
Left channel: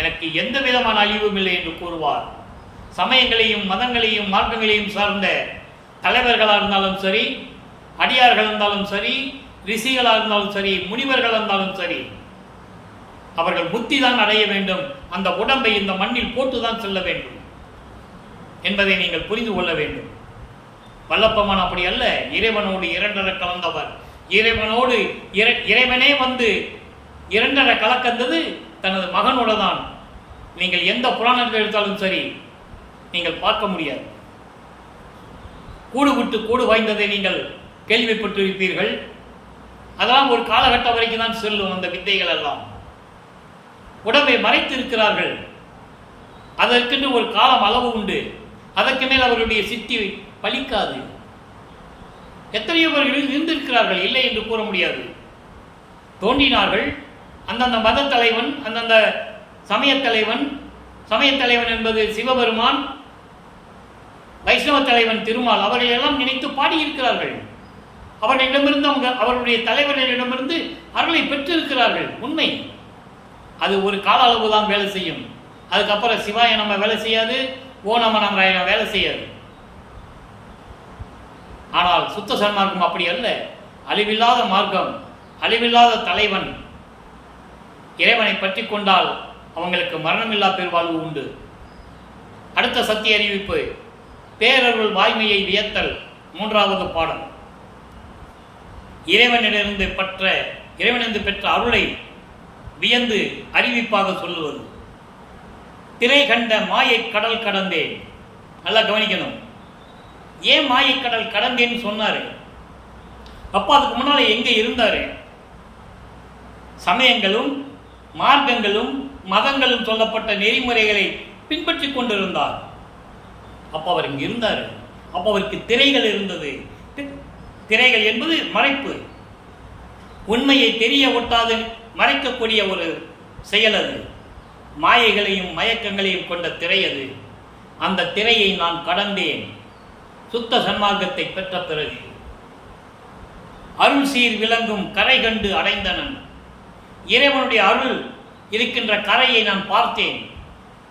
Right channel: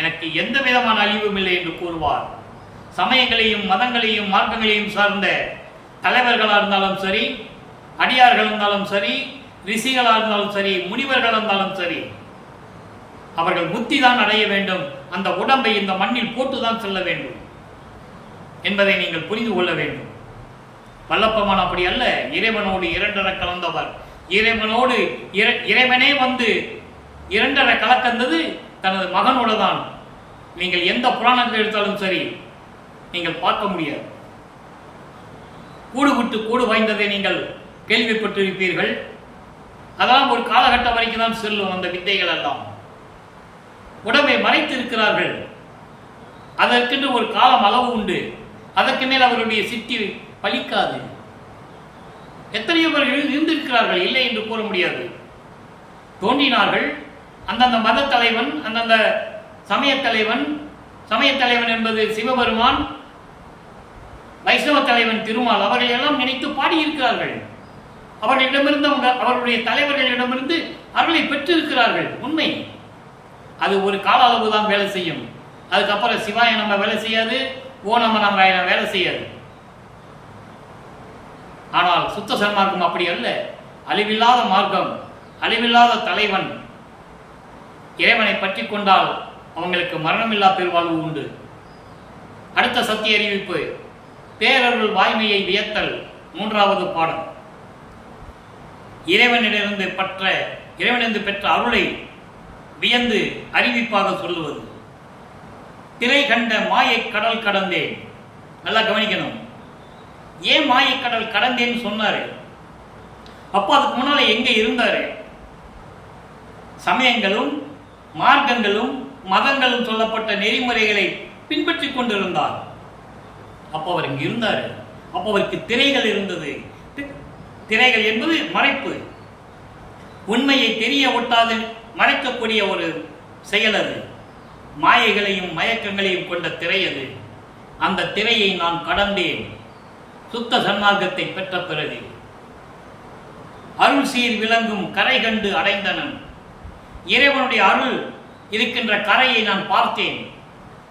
எனக்கு எந்த விதமான அழிவும் இல்லை என்று கூறுவார். சமயங்களையும் மதங்களையும் மார்க்கங்களையும் சார்ந்த தலைவர்களாக இருந்தாலும் சரி, அடியார்கள் இருந்தாலும் சரி, ரிஷிகளாக இருந்தாலும் சரி, முனிவர்கள் இருந்தாலும் சரி, அவர்கள் முத்தி தான் அடைய வேண்டும். அந்த உடம்பை இந்த மண்ணில் போட்டுதான் செல்ல வேண்டும் என்பதை நீங்கள் புரிந்து கொள்ள வேண்டும். வல்லப்பமான் அப்படி அல்ல. இறைவனோடு இரண்டரை கலந்தவர். இறைவனோடு இறைவனே வந்து இரண்டரை கலக்கந்தது தனது மகனோட தான். நீங்கள் எந்த புராணத்தில் எடுத்தாலும் சரி நீங்கள் பார்க்க முடியாது. கூடு விட்டு கூடு வாய்ந்ததை நீங்கள் கேள்விப்பட்டிருப்பீர்கள். அதெல்லாம் ஒரு காலகட்டம் வரைக்கும் தான் செல்லும். அந்த வித்தைகள் எல்லாம் உடம்பை மறைத்து இருக்கிறார்கள். அதற்கென்று ஒரு காலம் அளவு உண்டு. அதற்கு மேல் அவருடைய சித்தி பலிக்காது. எத்தனையோ பேர் இருந்திருக்கிறார்கள், இல்லை என்று கூற முடியாது. தோன்றினார்கள். அந்தந்த மத தலைவன், அந்தந்த சமயத்தலைவன், சமயத்தலைவன் என்பது சிவபெருமான், வைஷ்ணவ தலைவன் திருமால், அவர்கள் எல்லாம் நினைத்து பாடியிருக்கிறார்கள். அவர்களிடமிருந்து அவருடைய தலைவர்களிடமிருந்து அருளை பெற்றிருக்கிறார்கள். உண்மை. அது ஒரு கால அளவு தான் வேலை செய்யும். அதுக்கப்புறம் சிவாய நம்ம வேலை செய்யாது, ஓ நம நாராயண வேலை செய்யாது. ஆனால் சுத்த சன்மார்க்கம் அப்படி அல்ல. அழிவில்லாத மார்க்கம், அழிவில்லாத தலைவன். இறைவனை பற்றி கொண்டால் அவங்களுக்கு மரணமில்லா பெருவாழ்வு உண்டு. அடுத்த சத்திய அறிவிப்பு, பேரருள் வாய்மையை வியத்தல். 3வது பாடம். இறைவனிடமிருந்து பெற்ற அருளை வியந்து அறிவிப்பாக சொல்லுவது. திரை கண்ட மாயை கடல் கடந்தேன். நல்லா கவனிக்கணும். ஏன் மாயை கடல் கடந்தேன்னு சொன்னாரு? அப்போ அதுக்கு முன்னால எங்க இருந்தாரு? சமயங்களும் மார்க்கங்களும் மதங்களும் சொல்லப்பட்ட நெறிமுறைகளை பின்பற்றி கொண்டிருந்தார். அப்போ அவர் இங்கு இருந்தார். அப்போ அவருக்கு திரைகள் இருந்தது. திரைகள் என்பது மறைப்பு. உண்மையை தெரிய ஒட்டாது மறைக்கக்கூடிய ஒரு செயல் அது. மாயைகளையும் மயக்கங்களையும் கொண்ட திரை அது. அந்த திரையை நான் கடந்தேன் சுத்த சன்மார்க்கத்தை பெற்ற பிறகு. அருள் சீர் விளங்கும் கரை கண்டு அடைந்தனன். இறைவனுடைய அருள் இருக்கின்ற கரையை நான் பார்த்தேன்.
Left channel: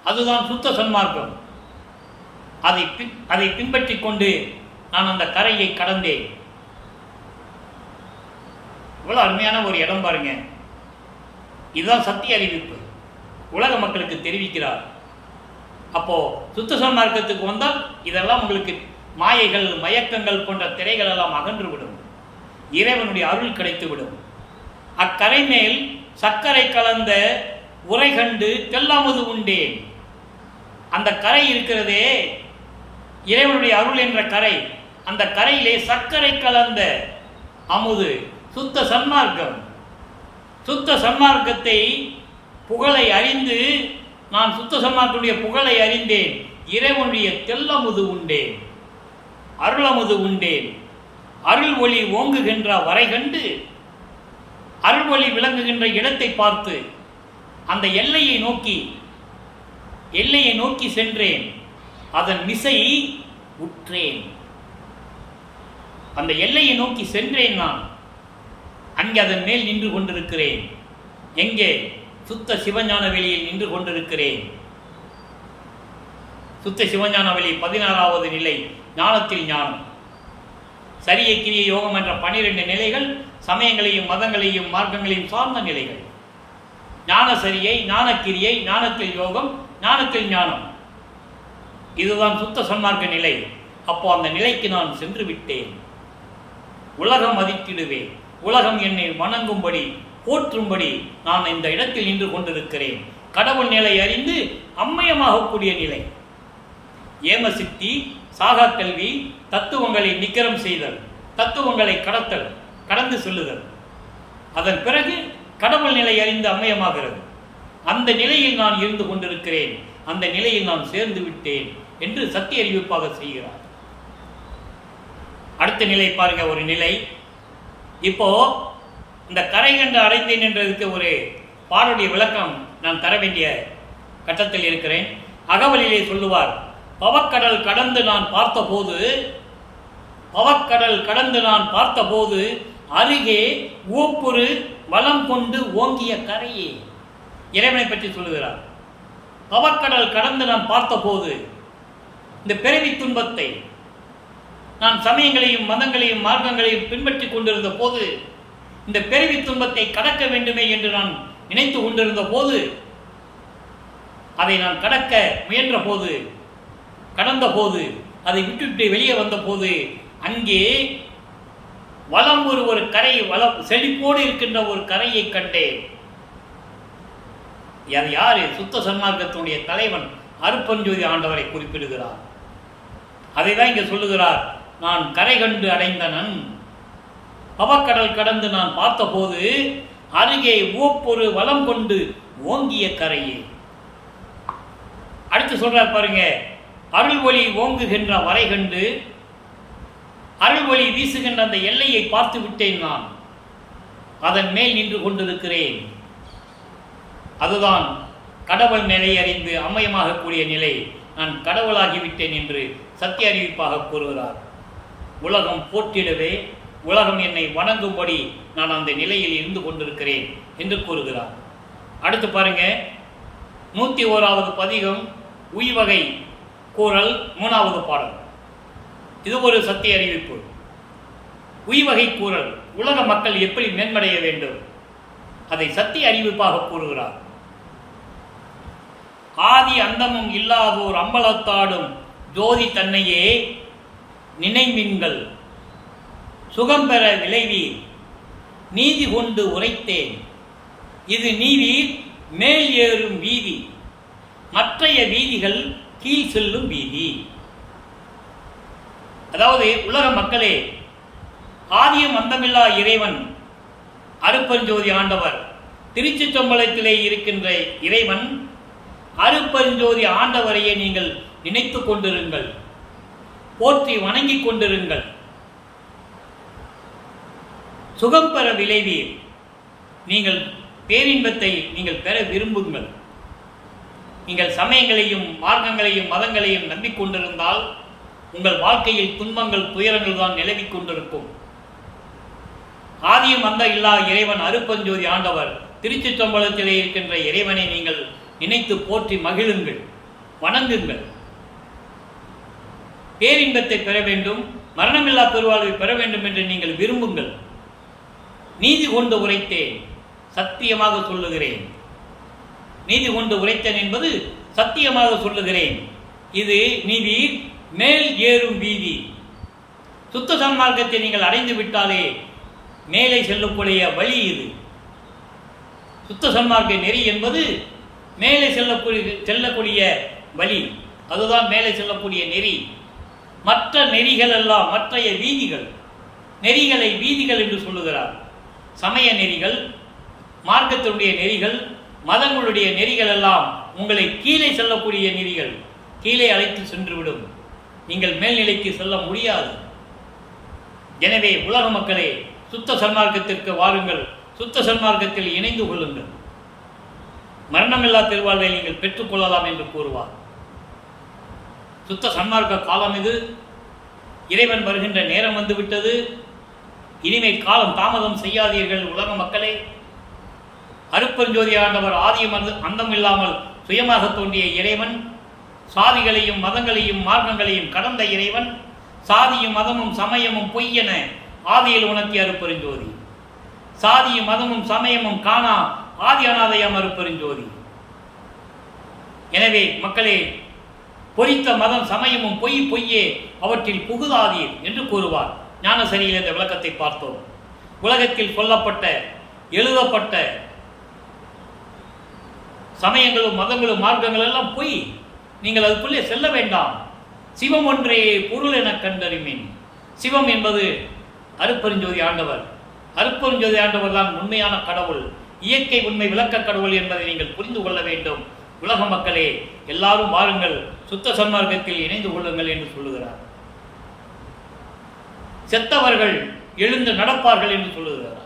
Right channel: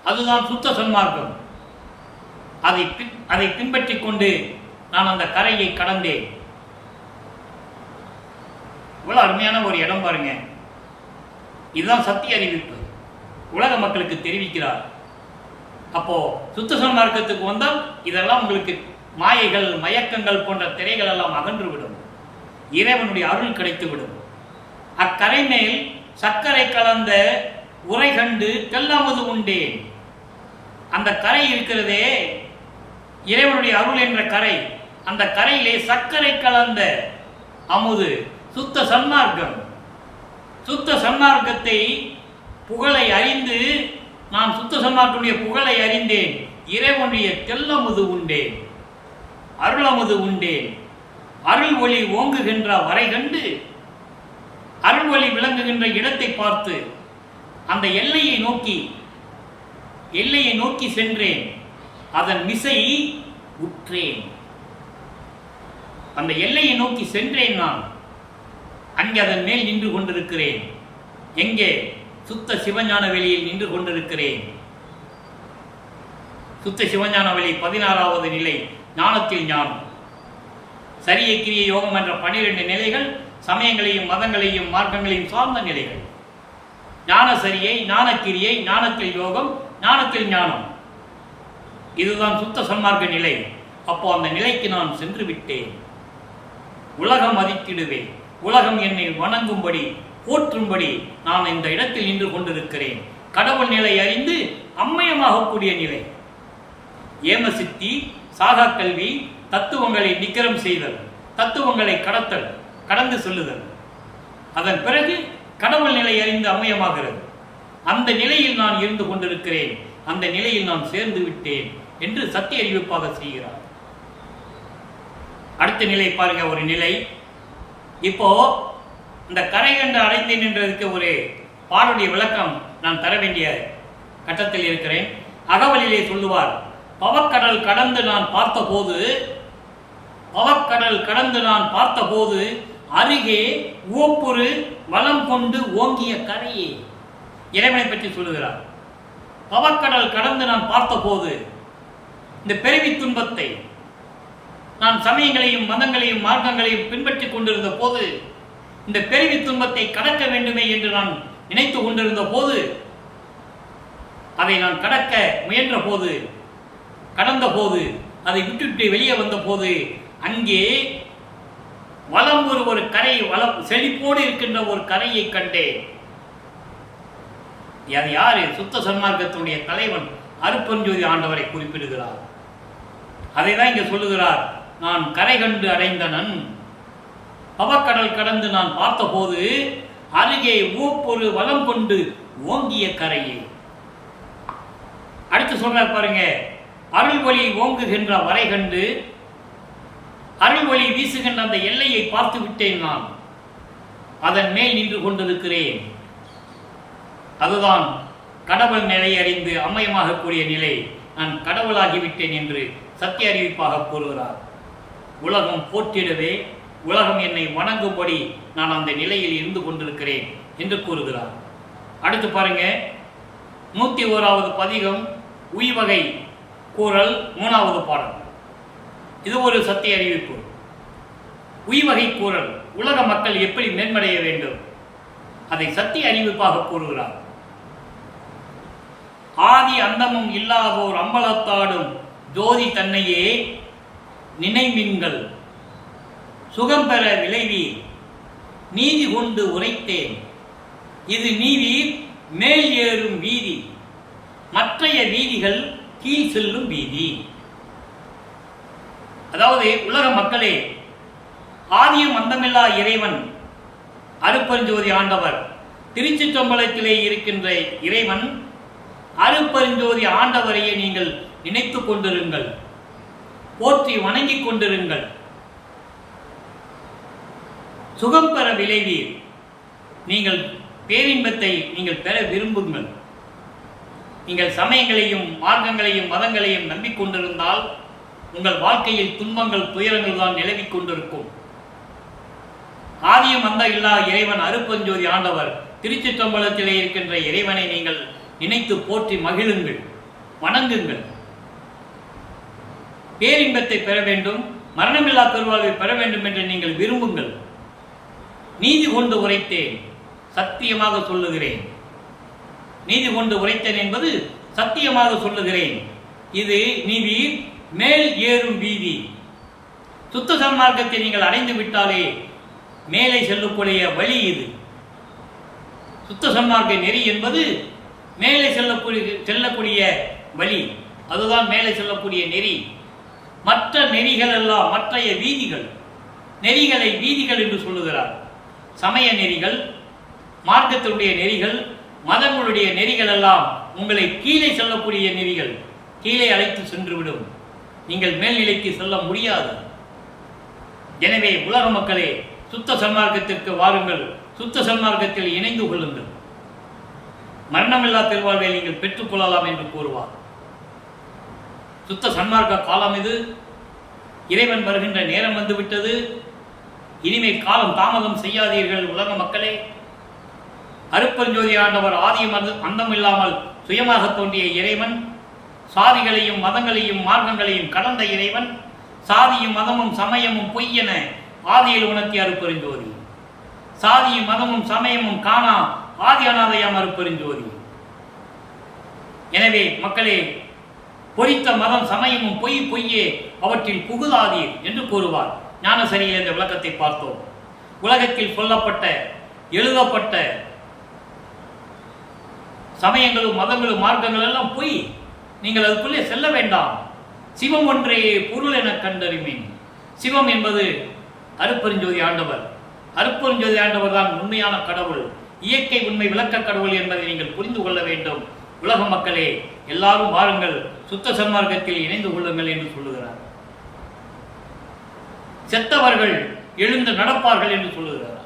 அதுதான் சுத்த சன்மார்க்கம். அதை பின்பற்றி கொண்டு நான் அந்த கரையை கடந்தேன். இவ்வளவு அருமையான ஒரு இடம் பாருங்க. இதுதான் சத்திய அறிவிப்பு. உலக மக்களுக்கு தெரிவிக்கிறார். அப்போ சுத்த சன்மார்க்கத்துக்கு வந்தால் இதெல்லாம் உங்களுக்கு மாயைகள் மயக்கங்கள் போன்ற திரைகள் எல்லாம் அகன்றுவிடும். இறைவனுடைய அருள் கிடைத்துவிடும். அக்கரை மேல் சர்க்கரை கலந்த உரை கண்டு தெல்லமுது உண்டேன். அந்த கரை இருக்கிறதே, இறைவனுடைய அருள் என்ற கரை, அந்த கரையிலே சர்க்கரை கலந்த அமுது, சுத்த சன்மார்க்கம். சுத்த சன்மார்க்கத்தை புகழை அறிந்து நான் சுத்த சன்மார்க்கனுடைய புகழை அறிந்தேன். இறைவனுடைய தெல்லமுது உண்டேன், அருளமுது உண்டேன். அருள் ஒளி ஓங்குகின்ற வரை கண்டு, அருள் ஒளி விளங்குகின்ற இடத்தை பார்த்து அந்த எல்லையை நோக்கி சென்றேன். அதன் மிசை உற்றேன். அந்த எல்லையை நோக்கி சென்றேன். நான் அங்கே அதன் மேல் நின்று கொண்டிருக்கிறேன். எங்கே? சுத்த சிவஞான வெளியில் நின்று கொண்டிருக்கிறேன். சுத்த சிவஞான வெளி 16வது நிலை, ஞானத்தில் ஞானம். சரிய கிரிய யோகம் என்ற 12 நிலைகள் சமயங்களையும் மதங்களையும் மார்க்கங்களையும் சார்ந்த நிலைகள். ஞான சரியை, ஞானக்கிரியை, ஞானத்தில் யோகம், ஞானத்தில் ஞானம். இதுதான் சுத்த சன்மார்க்க நிலை. அப்போ அந்த நிலைக்கு நான் சென்று விட்டேன். உலகம் மதித்திடுவேன். உலகம் என்னை வணங்கும்படி போற்றும்படி நான் இந்த இடத்தில் நின்று கொண்டிருக்கிறேன். கடவுள் நிலை அறிந்து அம்மயமாகக்கூடிய நிலை. ஏமசித்தி, சாகா கல்வி, தத்துவங்களை நிக்கிரம் செய்தல், தத்துவங்களை கடந்து சொல்லுதல். அதன் பிறகு கடவுள் நிலை அறிந்து அம்மயமாகிறது. அந்த நிலையில் நான் இருந்து கொண்டிருக்கிறேன். அந்த நிலையில் நான் சேர்ந்து விட்டேன் என்று சத்திய அறிவிப்பாக செய்கிறார். அடுத்த நிலை பாருங்க. ஒரு நிலை, இப்போ இந்த கரை கண்டு அடைந்தேன் என்றதுக்கு ஒரு பாடலுடைய விளக்கம் நான் தர வேண்டிய கட்டத்தில் இருக்கிறேன். அகவலிலே சொல்லுவார், பவக்கடல் கடந்து நான் பார்த்தபோது அருகே ஓப்புரு வளம் கொண்டு ஓங்கிய கரையே. இறைவனை பற்றி சொல்லுகிறார். பவக்கடல் கடந்து நான் பார்த்தபோது, இந்த பிறவி துன்பத்தை நான் சமயங்களையும் மதங்களையும் மார்க்கங்களையும் பின்பற்றி கொண்டிருந்த போது, இந்த பிறவி துன்பத்தை கடக்க வேண்டுமே என்று நான் நினைத்து கொண்டிருந்த போது, அதை நான் கடக்க முயன்ற போது, கடந்த போது, அதை விட்டுவிட்டு வெளியே வந்த போது, அங்கே வலம் ஒரு கரை, செழிப்போடு இருக்கின்ற ஒரு கரையை கண்டேன். அது யாரு? சுத்த சன்மார்க்கத்தினுடைய தலைவன் அருட்பெருஞ்சோதி ஆண்டவரை குறிப்பிடுகிறார். அதை தான் இங்கே சொல்லுகிறார். நான் கரை கண்டு அடைந்தனன், பவக்கடல் கடந்து நான் பார்த்தபோது அருகே ஓப்பொரு வளம் கொண்டு ஓங்கிய கரையே. அடுத்து சொல்றார் பாருங்க, அருள் ஒளி ஓங்குகின்ற வரை கண்டு, அருள் ஒளி வீசுகின்ற அந்த எல்லையை பார்த்து விட்டேன். நான் அதன் மேல் நின்று கொண்டிருக்கிறேன். அதுதான் கடவுள் நிலை அறிந்து அம்மயமாக கூடிய நிலை. நான் கடவுளாகிவிட்டேன் என்று சத்திய அறிவிப்பாக கூறுகிறார். உலகம் போற்றிடவே, உலகம் என்னை வணங்கும்படி நான் அந்த நிலையில் இருந்து கொண்டிருக்கிறேன் என்று கூறுகிறார். அடுத்து பாருங்க, 101வது பதிகம், உய்வகை கூறல், 3வது பாடல். இது ஒரு சத்திய அறிவிப்பு. உய்வகை கூறல், உலக மக்கள் எப்படி மேன்மடைய வேண்டும், அதை சத்திய அறிவிப்பாக கூறுகிறார். ஆதி அந்தமும் இல்லாதோர் அம்பலத்தாடும் ஜோதி தன்னையே நினைமின்கள் சுகம் பெற விளைவீர், நீதி கொண்டு உரைத்தேன். இது நீவீர் மேல் ஏறும் வீதி, மற்றைய வீதிகள் கீழ் செல்லும் வீதி. அதாவது உலக மக்களே, ஆதியும் அந்தமில்லா இறைவன் அருட்பெருஞ்சோதி ஆண்டவர், திருச்சிற்றம்பலத்திலே இருக்கின்ற இறைவன் அருட்பெருஞ்சோதி ஆண்டவரையே நீங்கள் நினைத்து கொண்டிருங்கள், போற்றி வணங்கிக் கொண்டிருங்கள். சுகம் பெற விளைவீர், நீங்கள் பேரின்பத்தை நீங்கள் பெற விரும்புங்கள். நீங்கள் சமயங்களையும் மார்க்கங்களையும் மதங்களையும் நம்பிக்கொண்டிருந்தால் உங்கள் வாழ்க்கையில் துன்பங்கள் துயரங்கள் தான் நிலவிக் கொண்டிருக்கும். ஆதியும் அந்த இல்லா இறைவன் அருட்பெருஞ்சோதி ஆண்டவர் திருச்சிற்றம்பலத்திலே இருக்கின்ற இறைவனை நீங்கள் நினைத்து போற்றி மகிழுங்கள், வணங்குங்கள். பேரின்பத்தை பெற வேண்டும், மரணமில்லா பெருவாழ்வை பெற வேண்டும் என்று நீங்கள் விரும்புங்கள். நீதி கொண்டு உரைத்தேன், சத்தியமாக சொல்லுகிறேன். நீதி கொண்டு உரைத்தேன் என்பது சத்தியமாக சொல்லுகிறேன். இது நீதி மேல் ஏறும் வீதி. சுத்த சன்மார்க்கத்தை நீங்கள் அடைந்து விட்டாலே மேலே செல்லக்கூடிய வழி இது. சுத்த சன்மார்க்க நெறி என்பது மேலே செல்லக்கூடிய வழி, அதுதான் மேலே செல்லக்கூடிய நெறி. மற்ற நெறிகள் எல்லாம் மற்றைய நெறிகளை வீதிகள் என்று சொல்லுகிறார். சமய நெறிகள், மார்க்கத்தினுடைய நெறிகள், மதங்களுடைய நெறிகள் எல்லாம் உங்களை கீழே செல்லக்கூடிய நெறிகள், கீழே அழைத்து சென்றுவிடும். நீங்கள் மேல்நிலைக்கு செல்ல முடியாது. எனவே உலக மக்களே, சுத்த சன்மார்க்கத்திற்கு வாருங்கள், சுத்த சன்மார்க்கத்தில் இணைந்து கொள்ளுங்கள், மரணமில்லா திருவாழ்வை நீங்கள் பெற்றுக்கொள்ளலாம் என்று கூறுவார். சுத்த சன்மார்க்க காலம் இது. இறைவன் வருகின்ற நேரம் வந்துவிட்டது. இனிமேல் காலம் தாமதம் செய்யாதீர்கள் உலக மக்களே. அருட்பெருஞ்சோதி ஆண்டவர் ஆதியும் அந்தம் இல்லாமல் சுயமாக தோன்றிய இறைவன், சாதிகளையும் மதங்களையும் மார்க்கங்களையும் கடந்த இறைவன், சாதியும் மதமும் சமயமும் பொய்யென ஆதியில் உணர்த்திய அருட்பெருஞ்சோதி, சாதியும் மதமும் சமயமும் காணா ஆதி அநாதையாம் அருட்பெருஞ்சோதி. எனவே மக்களே, பொறித்த மதம் சமயமும் பொய்யே அவற்றில் புகுதாதீர் என்று கூறுவார். ஞானசரியில் இந்த விளக்கத்தை பார்த்தோம். உலகத்தில் சொல்லப்பட்ட எழுதப்பட்ட சமயங்களும் மதங்களும் மார்க்கங்கள் எல்லாம் பொய். நீங்கள் அதுக்குள்ளே செல்ல வேண்டாம். சிவம் ஒன்றே பொருள் என கண்டறிமின். சிவம் என்பது அருட்பெருஞ்சோதி ஆண்டவர். அருட்பெருஞ்சோதி ஆண்டவர் தான் உண்மையான கடவுள், இயற்கை உண்மை விளக்க கடவுள் என்பதை நீங்கள் புரிந்து கொள்ள வேண்டும். உலக மக்களே, எல்லாரும் வாருங்கள், சுத்த சன்மார்க்கத்தில் இணைந்து கொள்ளுங்கள் என்று சொல்லுகிறார். செத்தவர்கள் எழுந்து நடப்பார்கள் என்று சொல்லுகிறார்.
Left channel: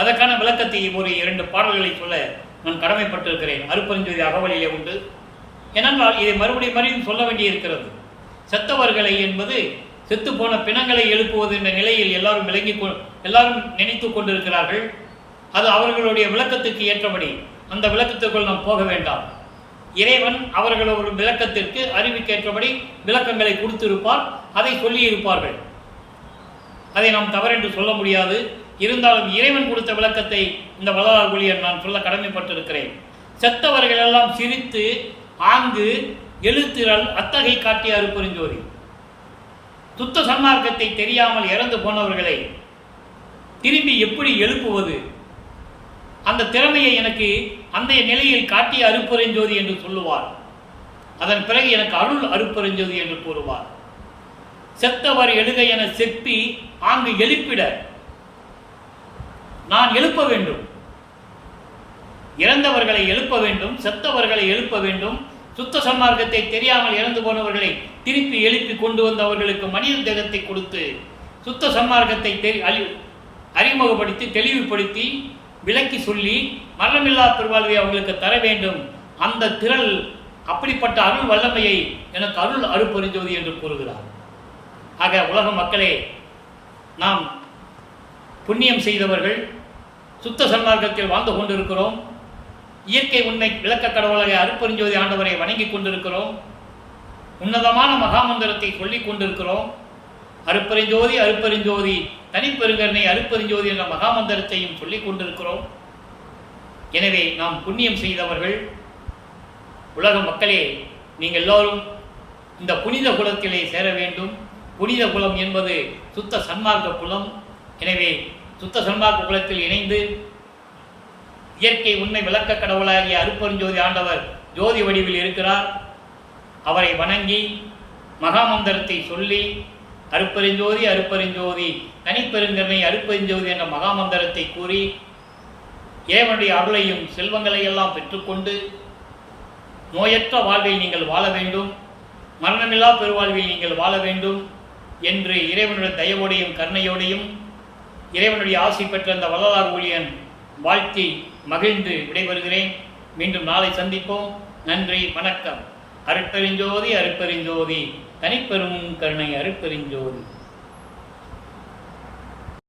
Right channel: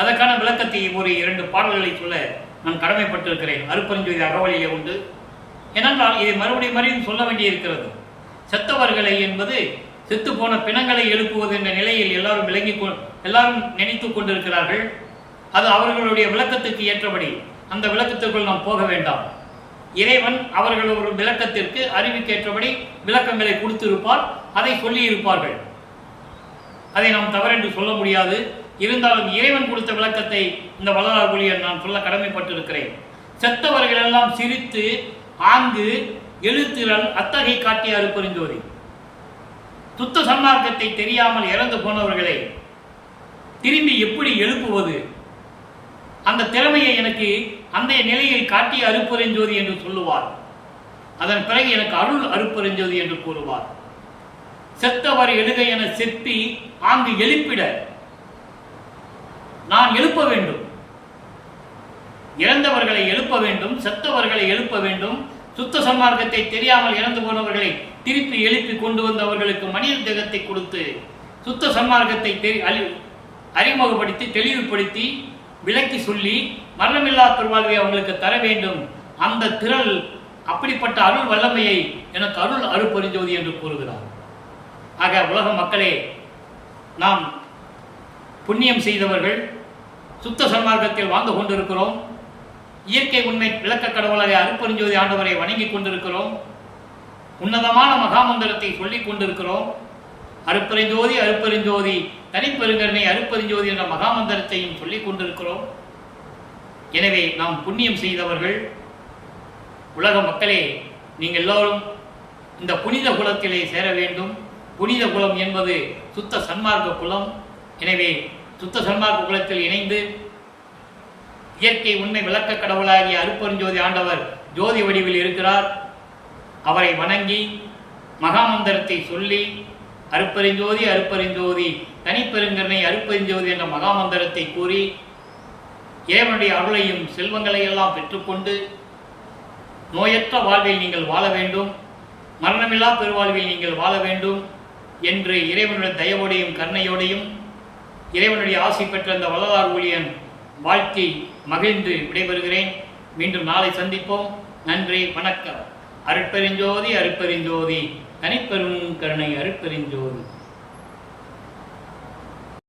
அதற்கான விளக்கத்தை ஒரு 2 பாடல்களை சொல்ல நான் கடமைப்பட்டிருக்கிறேன். அருட்பெருஞ்சோதி அகவலிலே உண்டு. ஏனென்றால் இதை மறுபடியும் சொல்ல வேண்டியிருக்கிறது. செத்தவர்களை என்பது செத்துப்போன பிணங்களை எழுப்புவது என்ற நிலையில் எல்லாரும் நினைத்து கொண்டிருக்கிறார்கள். அது அவர்களுடைய விளக்கத்துக்கு ஏற்றபடி. அந்த விளக்கத்திற்குள் நாம் போக வேண்டாம். இறைவன் அவர்களோட விளக்கத்திற்கு அறிவுக்கேற்றபடி விளக்கங்களை கொடுத்திருப்பார், அதை சொல்லியிருப்பார்கள். அதை நாம் தவறென்று சொல்ல முடியாது. இருந்தாலும் இறைவன் கொடுத்த விளக்கத்தை இந்த வள்ளலார் ஊழியர் நான் சொல்ல கடமைப்பட்டிருக்கிறேன். செத்தவர்கள் எல்லாம் சிரித்து ஆங்கு எழுத்திரல் அத்தகை காட்டிய அருட்பெருஞ்சோதி. சுத்த சன்மார்க்கத்தை தெரியாமல் இறந்து போனவர்களை திரும்பி எப்படி எழுப்புவது, அந்த திறமையை எனக்கு அந்த நிலையில் காட்டிய அருட்பெருஞ்சோதி என்று சொல்லுவார். அதன் பிறகு எனக்கு அருள் அருட்பெருஞ்சோதி என்று கூறுவார். செத்தவர் எழுக என செப்பி ஆங்கு எழுப்பிட நான் எழுப்ப வேண்டும். இறந்தவர்களை எழுப்ப வேண்டும், செத்தவர்களை எழுப்ப வேண்டும். சுத்த சன்மார்க்கத்தை தெரியாமல் இறந்து போனவர்களை திருப்பி எழுப்பி கொண்டு வந்தவர்களுக்கு மனித தேகத்தை கொடுத்து சுத்த சன்மார்க்கத்தை அறிமுகப்படுத்தி தெளிவுபடுத்தி விளக்கி சொல்லி மரணமில்லா பெருவாழ்வை அவங்களுக்கு தர வேண்டும். அந்த திரள் அப்படிப்பட்ட அருள் வல்லமையை எனக்கு அருள் அருட்பெருஞ்சோதி என்று கூறுகிறார். ஆக உலக மக்களே, நாம் புண்ணியம் செய்தவர்கள் சுத்த சன்மார்க்கத்தில் வாழ்ந்து கொண்டிருக்கிறோம். இயற்கை உண்மை விளக்க கடவுளாக அருட்பெருஞ்சோதி ஆண்டவரை வணங்கி கொண்டிருக்கிறோம். உன்னதமான மகாமந்திரத்தை சொல்லிக் கொண்டிருக்கிறோம். அருட்பெருஞ்சோதி அருட்பெருஞ்சோதி தனிப்பெருங்கருணை அருட்பெருஞ்சோதி என்ற மகாமந்திரத்தையும் சொல்லிக் கொண்டிருக்கிறோம். எனவே நாம் புண்ணியம் செய்தவர்கள். உலக மக்களே, நீங்கள் எல்லோரும் இந்த புனித குலத்திலே சேர வேண்டும். புனித குலம் என்பது சுத்த சன்மார்க்க குலம். எனவே சுத்த சன்மார்க்க குலத்தில் இணைந்து இயற்கை உண்மை விளக்க கடவுளாகிய அருட்பெருஞ்சோதி ஆண்டவர் ஜோதி வடிவில் இருக்கிறார். அவரை வணங்கி மகாமந்திரத்தை சொல்லி அருட்பெருஞ்சோதி அருட்பெருஞ்சோதி தனிப்பெருங்கருணை அருட்பெருஞ்சோதி என்ற மகாமந்திரத்தை கூறி இறைவனுடைய அருளையும் செல்வங்களை எல்லாம் பெற்றுக்கொண்டு நோயற்ற வாழ்வில் நீங்கள் வாழ வேண்டும், மரணமில்லா பெருவாழ்வில் நீங்கள் வாழ வேண்டும் என்று இறைவனுடைய தயவோடையும் கருணையோடையும் இறைவனுடைய ஆசி பெற்ற அந்த வள்ளலார் ஊழியன் வாழ்த்தி மகிழ்ந்து விடைபெறுகிறேன். மீண்டும் நாளை சந்திப்போம். நன்றி, வணக்கம். அருட்பெருஞ்சோதி அருட்பெருஞ்சோதி தனிப்பெரும் கருணை அருட்பெருஞ்சோதி.